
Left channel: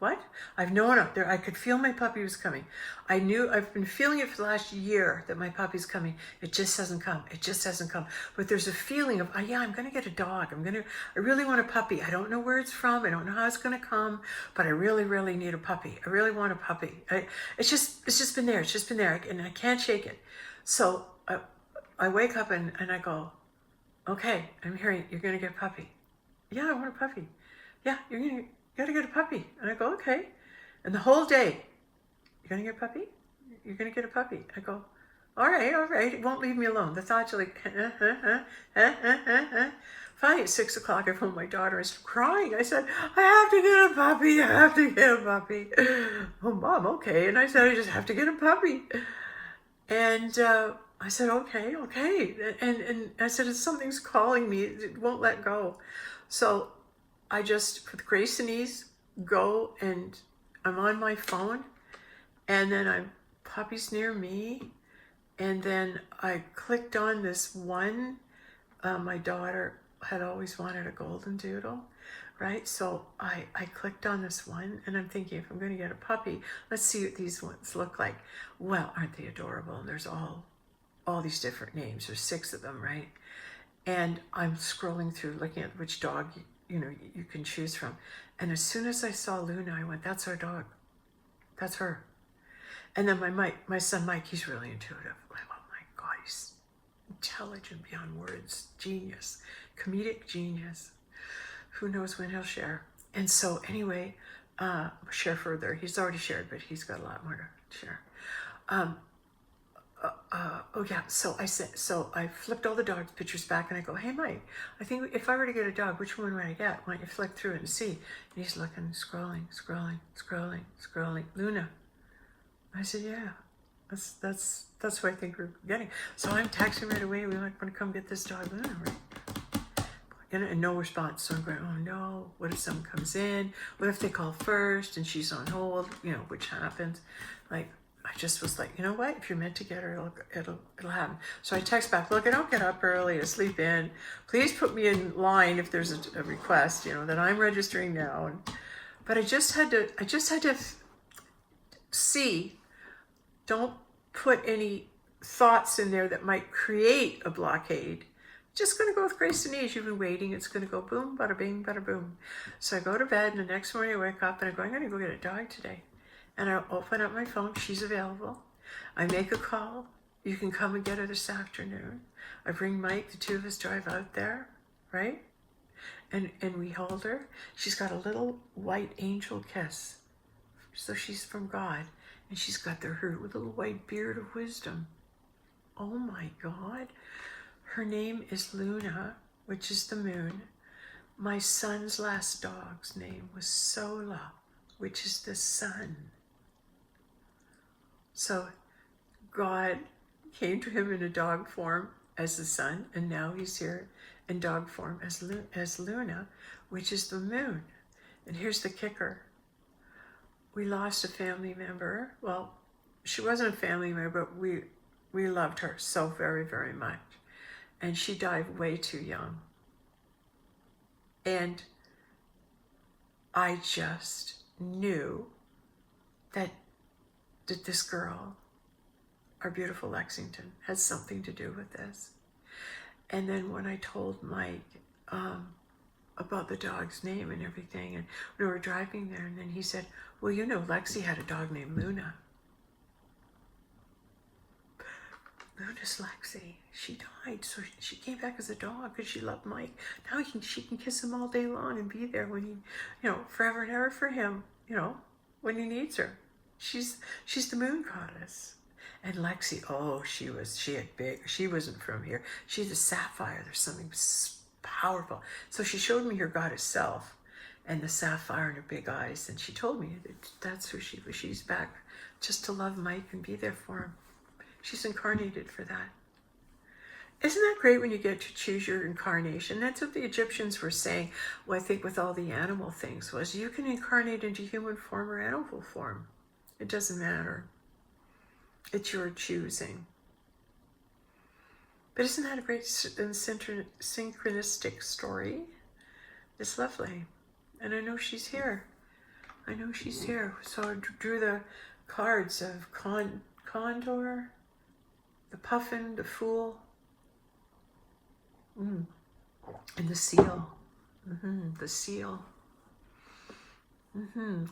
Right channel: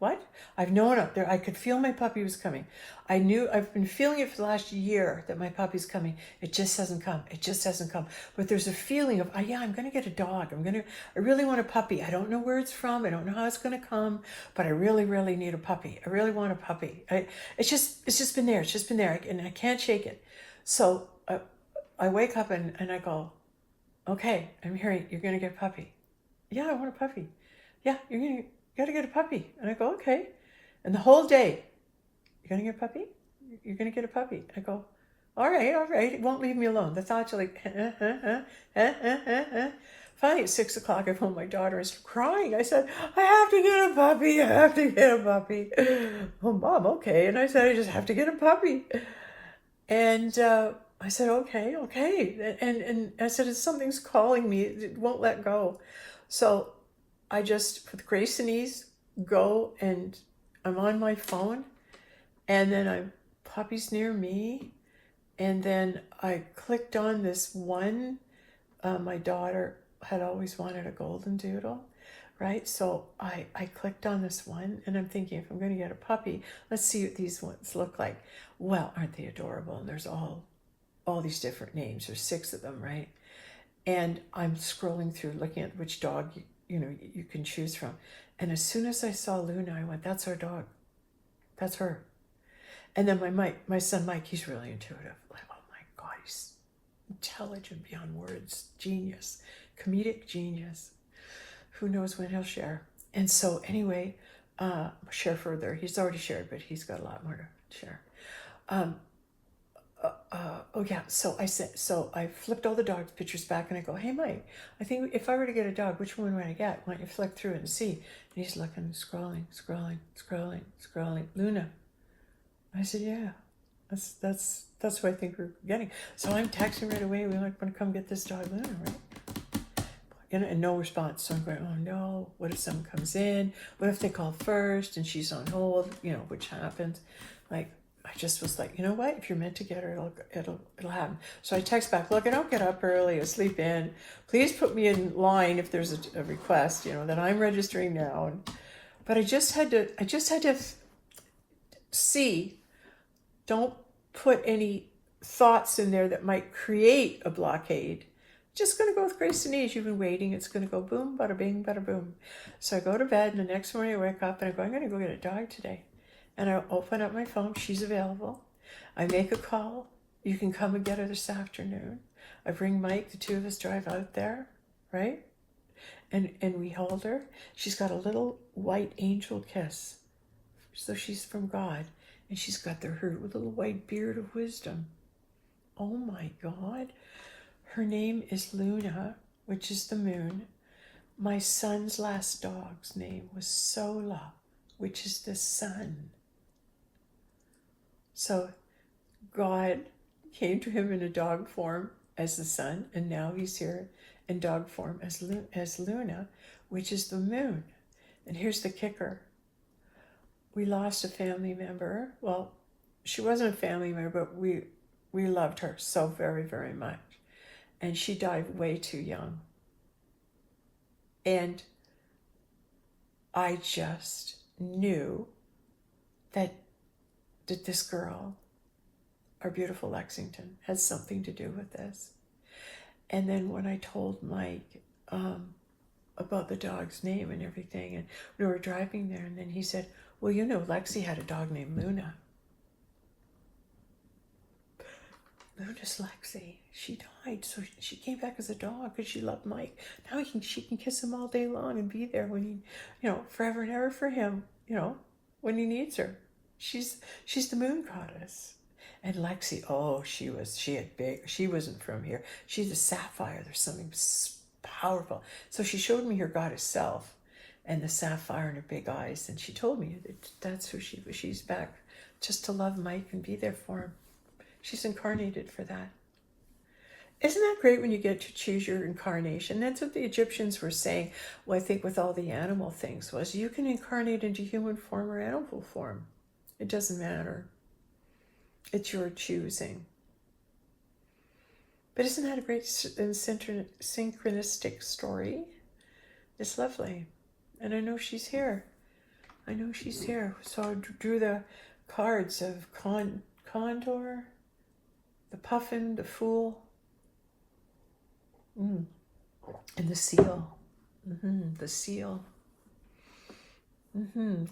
What? I've known up there. I could feel my puppy was coming. I've been feeling it for the last year that my puppy's coming. It just hasn't come. It just hasn't come. But there's a feeling of, oh yeah, I'm going to get a dog. I really want a puppy. I don't know where it's from. I don't know how it's going to come, but I really, really need a puppy. I really want a puppy. It's just been there. It's just been there, and I can't shake it. So I wake up and I go, okay, I'm hearing you're going to get a puppy. Yeah, I want a puppy. Yeah, you got to get a puppy. And I go, okay. And the whole day, you're going to get a puppy? You're going to get a puppy. I go, all right. It won't leave me alone. The thoughts are like, Finally, at 6 o'clock, I phoned my daughter. I started crying. I said, I have to get a puppy. I have to get a puppy. Oh, Mom, okay. And I said, I just have to get a puppy. And I said, okay. And I said, something's calling me. It won't let go. So I just, with grace and ease, go, and I'm on my phone, and then puppy's near me, and then I clicked on this one. My daughter had always wanted a golden doodle, right? So I clicked on this one, and I'm thinking, if I'm going to get a puppy, let's see what these ones look like. Well, aren't they adorable? And there's all these different names. There's 6 of them, right? And I'm scrolling through, looking at which dog you can choose from. And as soon as I saw Luna, I went, that's our dog. That's her. And then my son Mike, he's really intuitive. Like, oh my God, he's intelligent beyond words. Genius. Comedic genius. Who knows when he'll share. And so anyway, share further. He's already shared, but he's got a lot more to share. So I flipped all the dog's pictures back, and I go, hey Mike, I think if I were to get a dog, which one would I get? Why don't you flick through it and see? And he's looking, scrolling. Luna. I said, yeah, that's what I think we're getting. So I'm texting right away. We want to come get this dog, Luna, right? And no response. So I'm going, oh no, what if someone comes in? What if they call first and she's on hold? Which happens. Like, I just was like, you know what? If you're meant to get her, it'll happen. So I text back, look, I don't get up early. I sleep in. Please put me in line if there's a request, that I'm registering now. But I just had to see. Don't put any thoughts in there that might create a blockade. Just going to go with grace and ease. You've been waiting. It's going to go boom, bada bing, bada boom. So I go to bed, and the next morning I wake up and I go, I'm going to go get a dog today. And I open up my phone. She's available. I make a call. You can come and get her this afternoon. I bring Mike. The 2 of us drive out there, right? And we hold her. She's got a little white angel kiss. So she's from God. And she's got her little white beard of wisdom. Oh my God. Her name is Luna, which is the moon. My son's last dog's name was Sola, which is the sun. So God came to him in a dog form as the sun, and now he's here in dog form as Luna, which is the moon. And here's the kicker. We lost a family member. Well, she wasn't a family member, but we loved her so very, very much. And she died way too young. And I just knew that this girl, our beautiful Lexington, has something to do with this. And then when I told Mike about the dog's name and everything, and we were driving there, and then he said, well, you know, Lexi had a dog named Luna. Luna's Lexi. She died, so she came back as a dog because she loved Mike. Now she can kiss him all day long and be there when he, you know, forever and ever for him, you know, when he needs her. She's the moon goddess. And Lexi, oh, she wasn't from here. She's a sapphire. There's something powerful. So she showed me her goddess self and the sapphire in her big eyes. And she told me that's who she was. She's back just to love Mike and be there for him. She's incarnated for that. Isn't that great when you get to choose your incarnation? That's what the Egyptians were saying, well, I think with all the animal things, was you can incarnate into human form or animal form. It doesn't matter. It's your choosing. But isn't that a great synchronistic story? It's lovely. And I know she's here. I know she's here. So I drew the cards of Condor, the Puffin, the Fool, and the Seal. The Seal.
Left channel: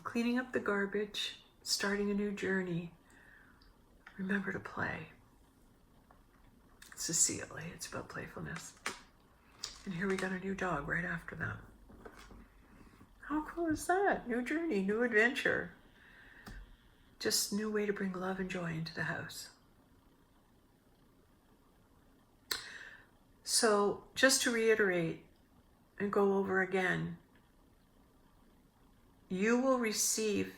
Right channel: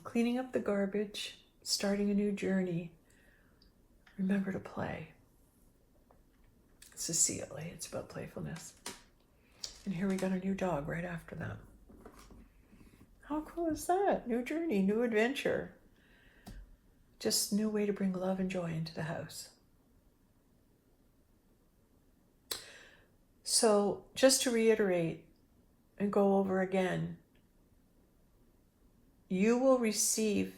Cleaning up the garbage, starting a new journey. Remember to play. It's a seal, eh? It's about playfulness. And here we got a new dog right after that. How cool is that? New journey, new adventure. Just new way to bring love and joy into the house. So just to reiterate and go over again, you will receive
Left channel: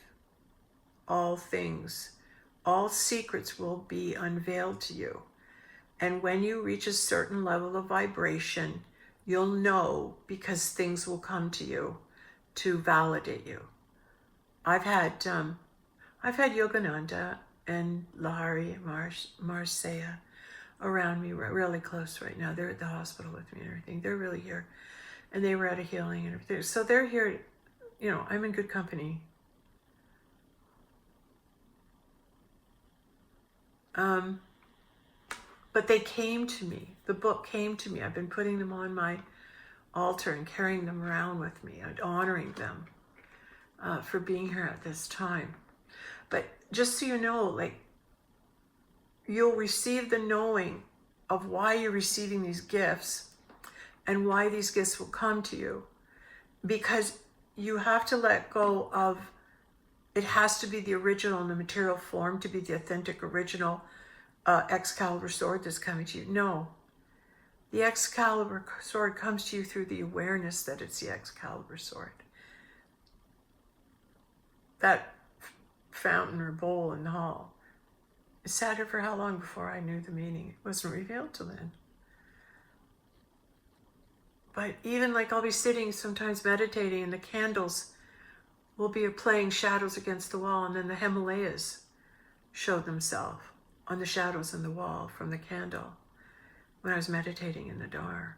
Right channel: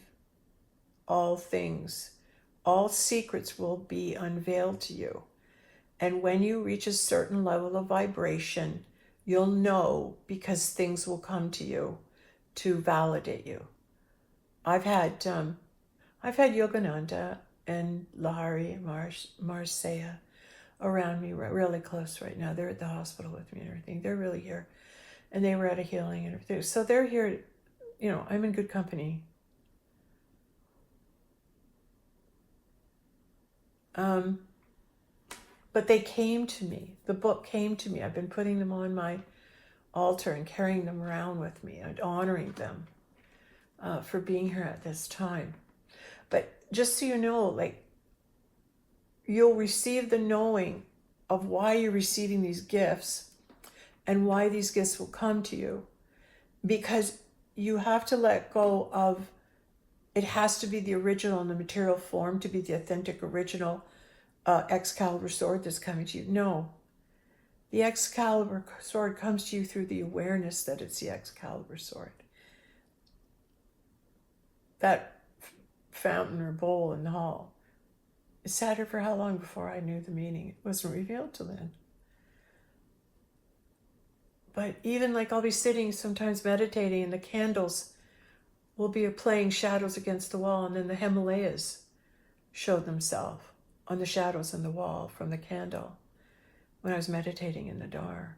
all things. All secrets will be unveiled to you. And when you reach a certain level of vibration, you'll know because things will come to you to validate you. I've had Yogananda and Lahari and Marseille around me really close right now. They're at the hospital with me and everything. They're really here. And they were at a healing and everything. So they're here, you know, I'm in good company. But they came to me. The book came to me. I've been putting them on my altar and carrying them around with me and honoring them for being here at this time. But just so you know, like, you'll receive the knowing of why you're receiving these gifts and why these gifts will come to you, because you have to let go of, it has to be the original in the material form to be the authentic original Excalibur sword that's coming to you. No, the Excalibur sword comes to you through the awareness that it's the Excalibur sword. That fountain or bowl in the hall, it sat here for how long before I knew the meaning? It wasn't revealed till then. But even like I'll be sitting sometimes meditating and the candles will be playing shadows against the wall, and then the Himalayas show themselves on the shadows in the wall from the candle when I was meditating in the dark.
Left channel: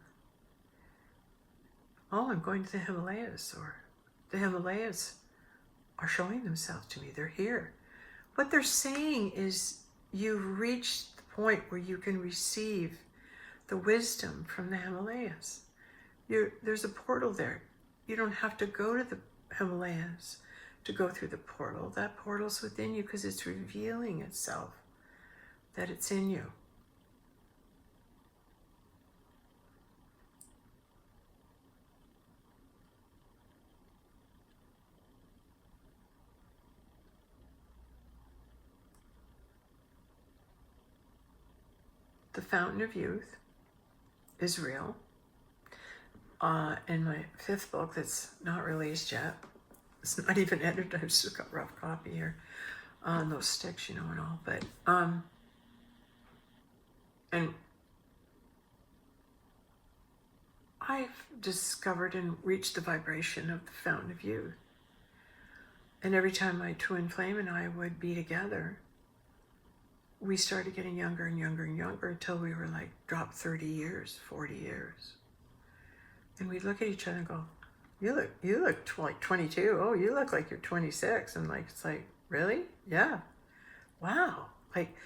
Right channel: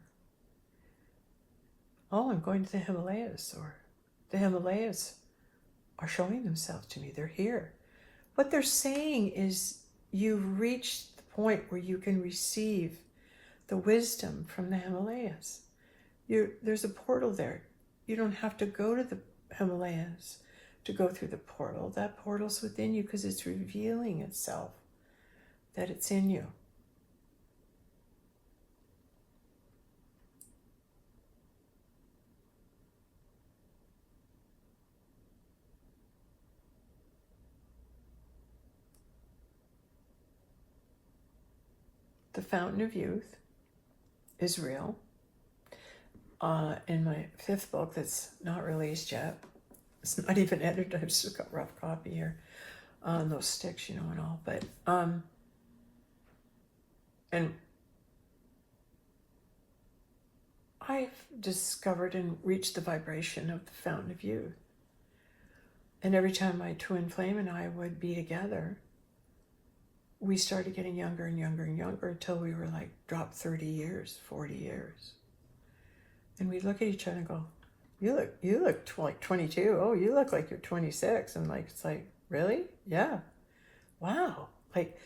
Oh, I'm going to the Himalayas, or the Himalayas are showing themselves to me. They're here. What they're saying is you've reached the point where you can receive the wisdom from the Himalayas. There's a portal there. You don't have to go to the Himalayas to go through the portal. That portal's within you because it's revealing itself that it's in you. The Fountain of Youth is real. In my 5th book that's not released yet, it's not even edited, I've just got a rough copy here on those sticks, you know, and all. But and I've discovered and reached the vibration of the Fountain of Youth. And every time my twin flame and I would be together, we started getting younger and younger and younger until we were like dropped 30 years, 40 years. And we'd look at each other and go, you look like 22. Oh, you look like you're 26. And like, it's like, really? Yeah. Wow. Like,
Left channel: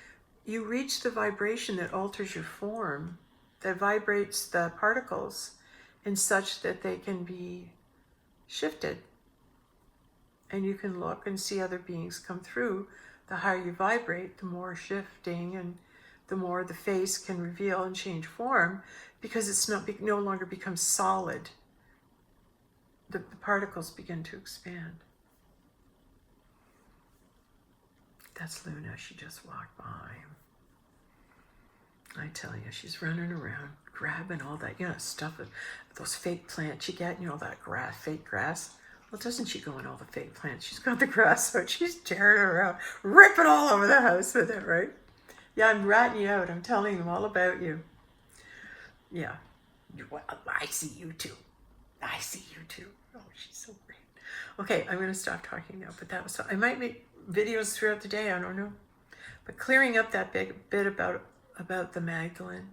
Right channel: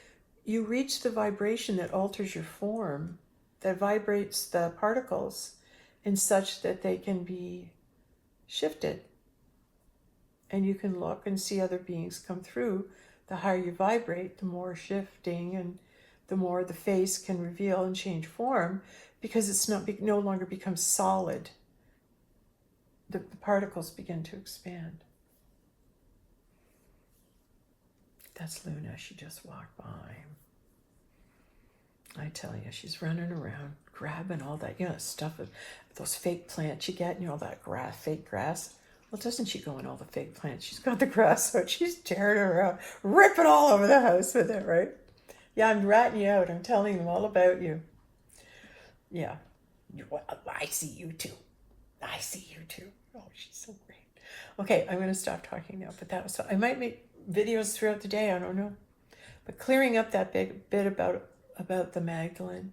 you reach the vibration that alters your form, that vibrates the particles in such that they can be shifted. And you can look and see other beings come through. The higher you vibrate, the more shifting and the more the face can reveal and change form, because it's no longer becomes solid. The particles begin to expand. That's Luna. She just walked by. I tell you, she's running around, grabbing all that, stuff, those fake plants you get, all that grass, fake grass. Well, doesn't she go in all the fake plants? She's got the grass out. She's tearing it around, ripping all over the house with it, right? Yeah, I'm ratting you out. I'm telling them all about you. Yeah. Well, I see you too. I see you too. Oh, she's so great. Okay, I'm going to stop talking now, but that was fun. I might make videos throughout the day. I don't know. But clearing up that big bit about the Magdalene,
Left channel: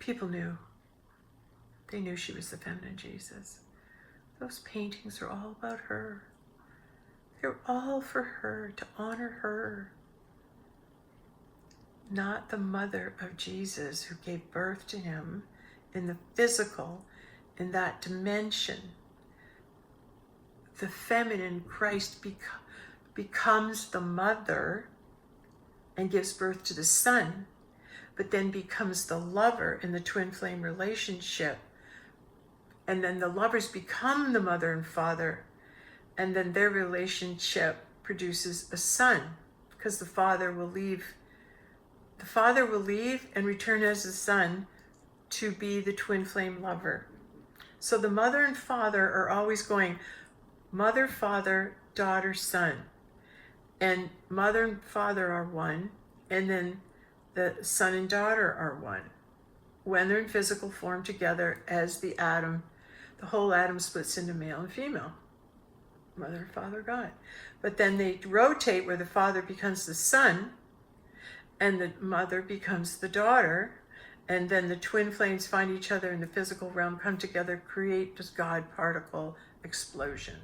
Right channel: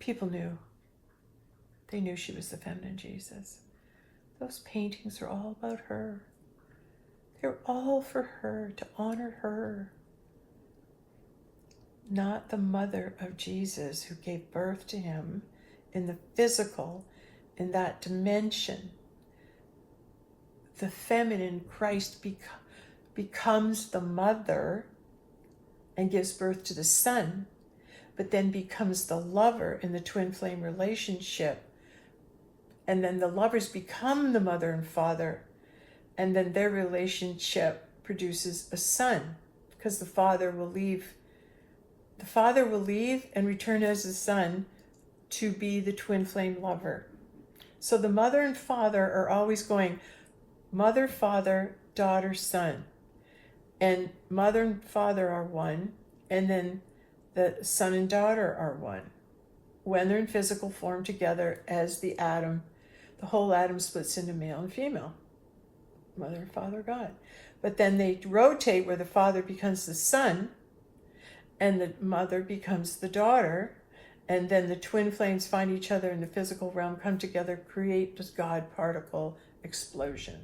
people knew. They knew she was the feminine Jesus. Those paintings are all about her. They're all for her, to honor her. Not the mother of Jesus who gave birth to him in the physical, in that dimension. The feminine Christ becomes the mother and gives birth to the son, but then becomes the lover in the twin flame relationship. And then the lovers become the mother and father, and then their relationship produces a son, because the father will leave and return as the son to be the twin flame lover. So the mother and father are always going mother, father, daughter, son. And mother and father are one, and then the son and daughter are one. When they're in physical form together as the atom, the whole atom splits into male and female. Mother and father, God. But then they rotate where the father becomes the son, and the mother becomes the daughter, and then the twin flames find each other in the physical realm, come together, create this God particle explosion.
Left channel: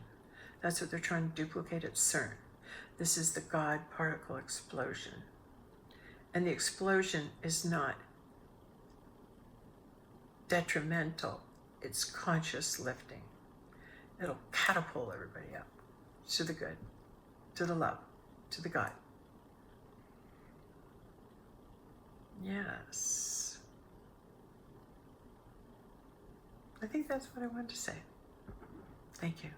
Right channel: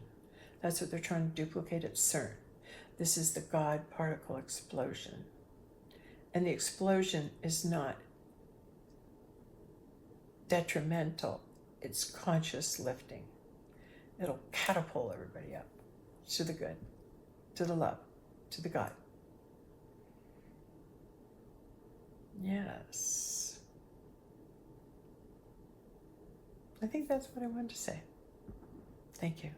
That's what they're trying to duplicate at CERN. This is the God particle explosion. And the explosion is not detrimental. It's conscious lifting. It'll catapult everybody up to the good, to the love, to the God. Yes. I think that's what I wanted to say. Thank you.